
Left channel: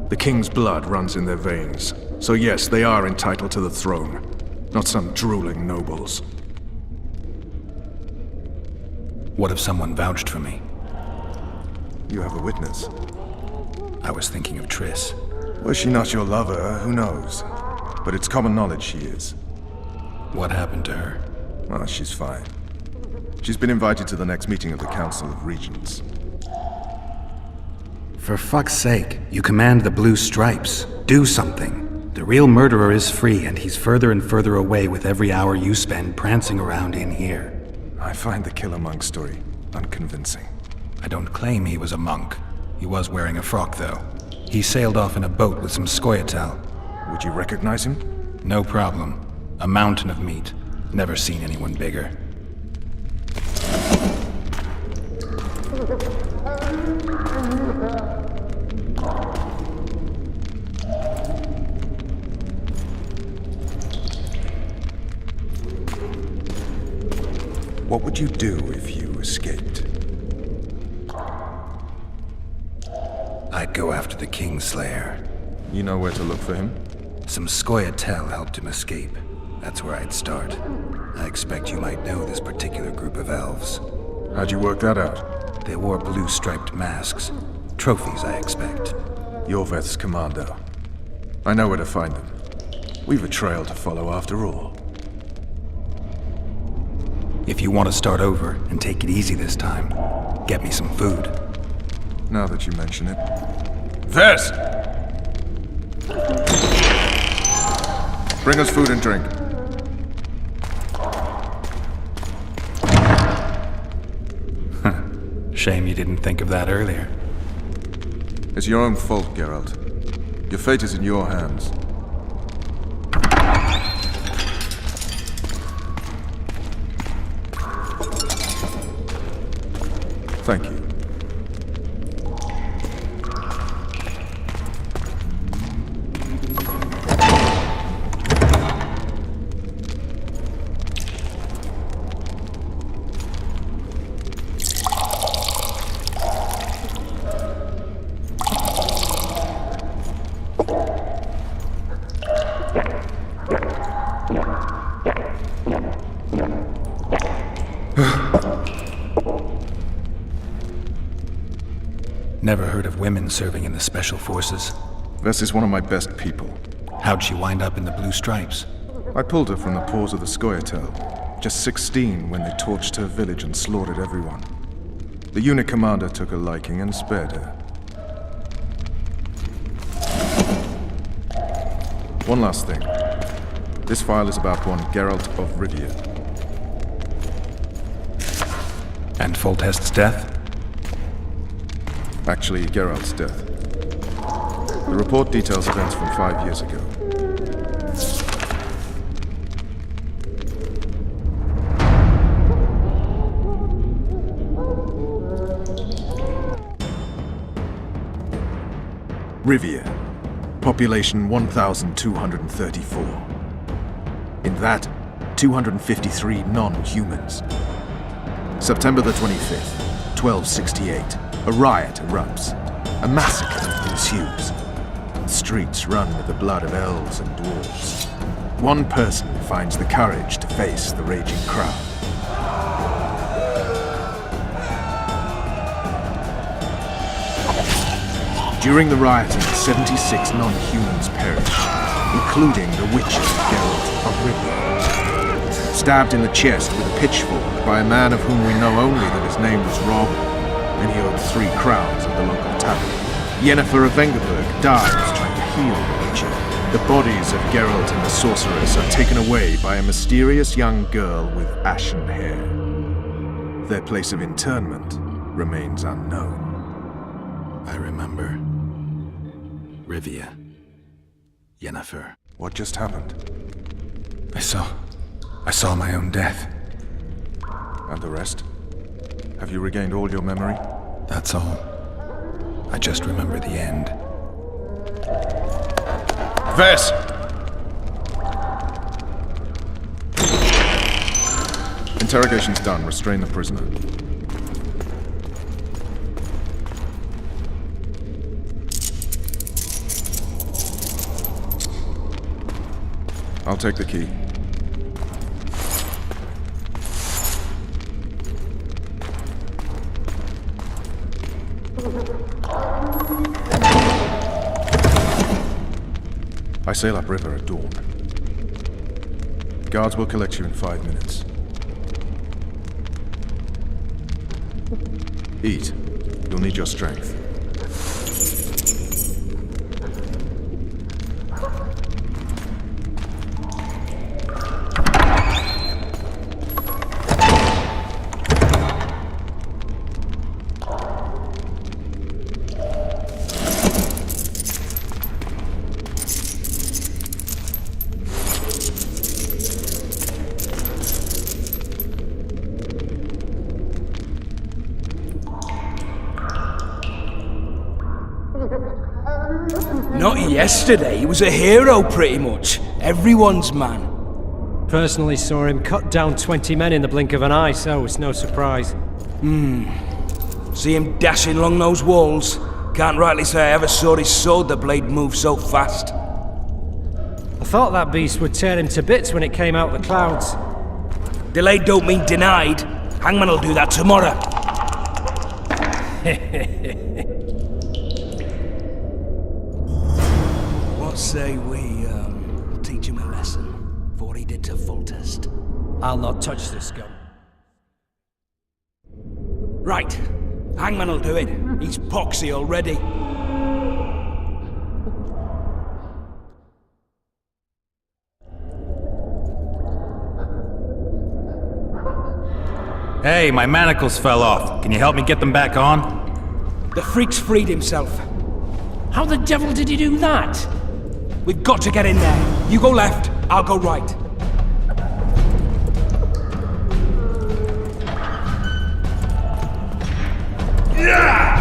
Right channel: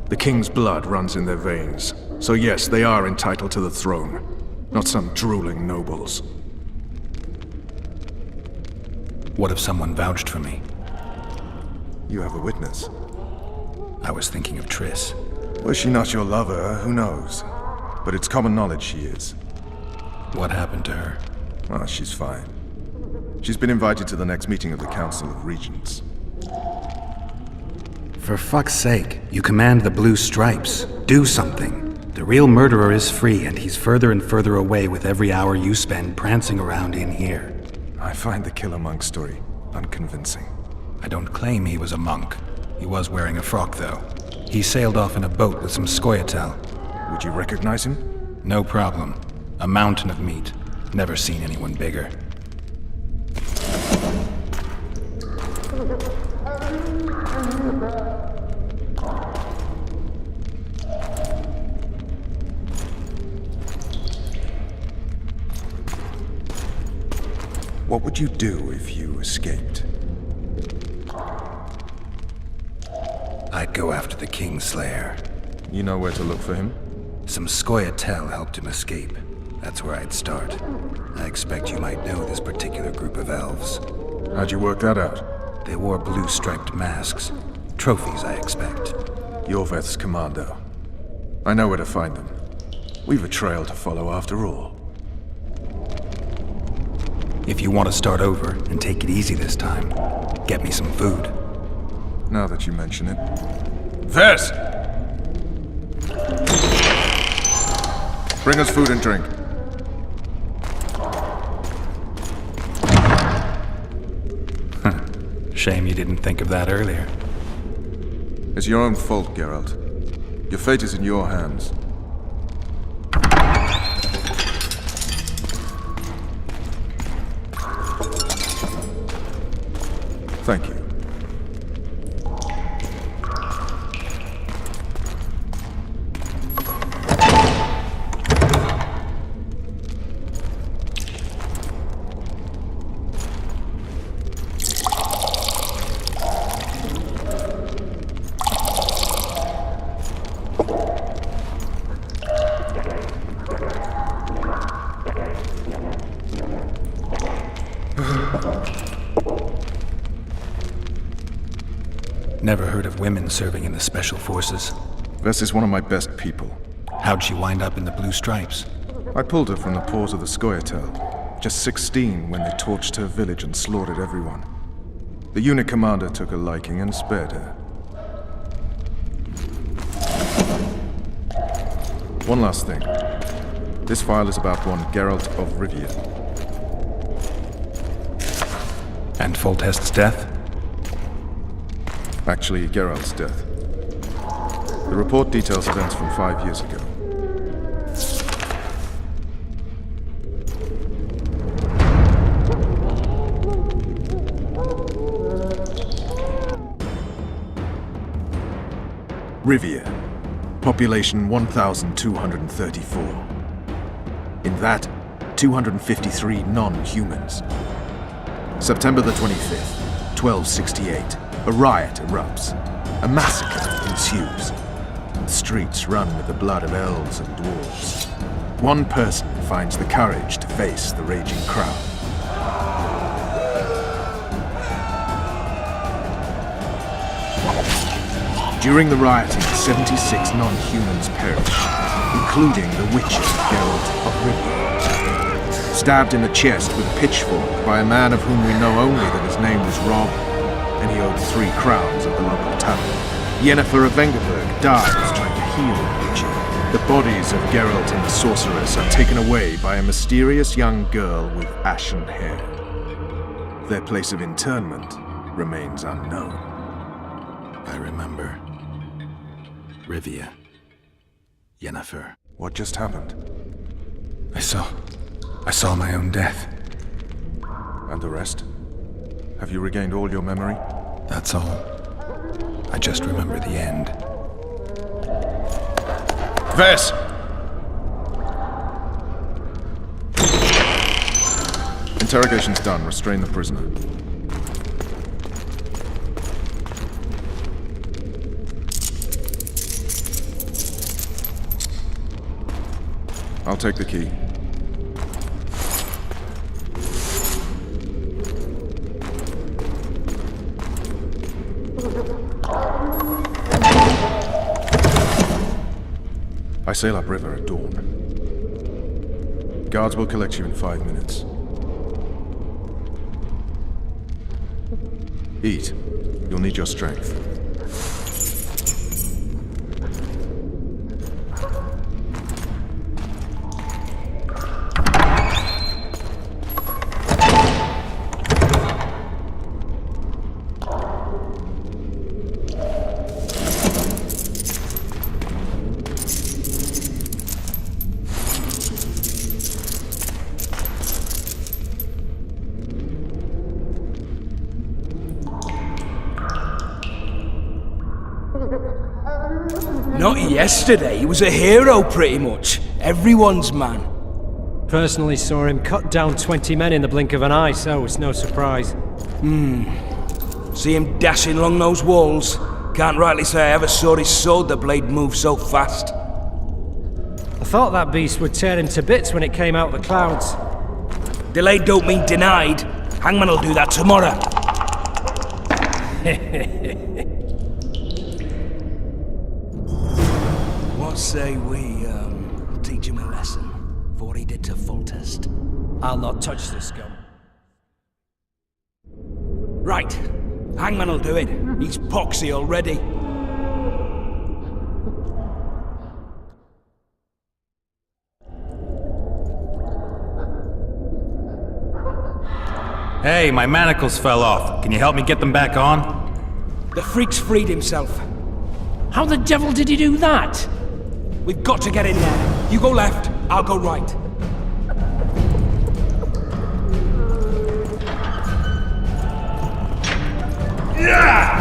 The king's blood runs in their veins, so yes, they are entitled to the throne. Not some drooling nobles. What if someone vouched for me? You have a witness. I was thinking of Triss. Was she not your lover? Who knows? But it's common knowledge she is. What happened to her? Ah, she's fine. She's been invited to the next meeting of the Council of Regents. For fuck's sake, you command the Blue Stripes. Do something. The real murderer is free, and he's further and further away with every hour you spend prancing around in here. I find the Killer Monk story unconvincing. I don't claim he was a monk. He was wearing a frock, though. He sailed off in a boat with some Scoia'tael. Would you recognize him? No problem. A mountain of meat. Never seen anyone bigger. What would you do if you escaped? I'd go after the Kingslayer. You know where to look for him? Some Scoia'tael helped him escape. That's where I'd start. I expect you might know this particular group of elves. How'd you work that out? They wore blue-striped masks. Trophies, I expect. Yorveth's commando. I know where to find them. We've a trail to follow after all. If you want to start over and take it easy this time, get me some food. Now that you mention it. Vess! Bring us food and drink. Shame you didn't think of that earlier. It's your own fault, Geralt. Your fate is in your hands. Thank you. Never heard of women serving in the Special Forces. Vess is one of my best people. How'd she wind up in the Blue Stripes? I pulled her from the paws of the Scoia'tael. Just 16 when they torched her village and slaughtered everyone. The unit commander took a liking and spared her. One last thing. This file is about one Geralt of Rivia. And Foltest's death? Actually, Geralt's death. The report details events from 5 years ago. Rivia. Population 1,234. In that, 253 non-humans. September the 25th, 1268. A riot erupts. A massacre ensues. Streets run with the blood of elves and dwarves. One person finds the courage to face the raging crowd. During the rioting, 76 non-humans perish, including the Witcher, Geralt of Rivia. Stabbed in the chest with a pitchfork by a man of whom we know only that his name was Rob, and he owed 3 crowns at the local tavern. Yennefer of Vengerberg dies trying to heal the Witcher. The bodies of Geralt and the sorceress are taken away by a mysterious young girl with ashen hair. Their place of interment remains unknown. I remember. Rivia. Yennefer. What just happened? I saw my own death. And the rest? Have you regained all your memory? That's all. I just remember the end. Ves! Interrogation's done. Restrain the prisoner. I'll take the key. I sail upriver at dawn. Guards will collect you in 5 minutes. Eat. You'll need your strength. Not yesterday, he was a hero pretty much. Everyone's man. Personally saw him cut down 20 men in the blink of an eye, so it's no surprise. See him dashing along those walls? Can't rightly say I ever saw his sword the blade move so fast. I thought that beast would tear him to bits when it came out of the clouds. Delayed don't mean denied. Hangman'll do that tomorrow. What say we, teach him a lesson for what he did to Foltest? I'll not touch this gun. Right. Hangman'll do it. He's poxy already. Hey, my manacles fell off. Can you help me get them back on? The freak's freed himself. How the devil did he do that? We've got to get in there. You go left, I'll go right. Yeah!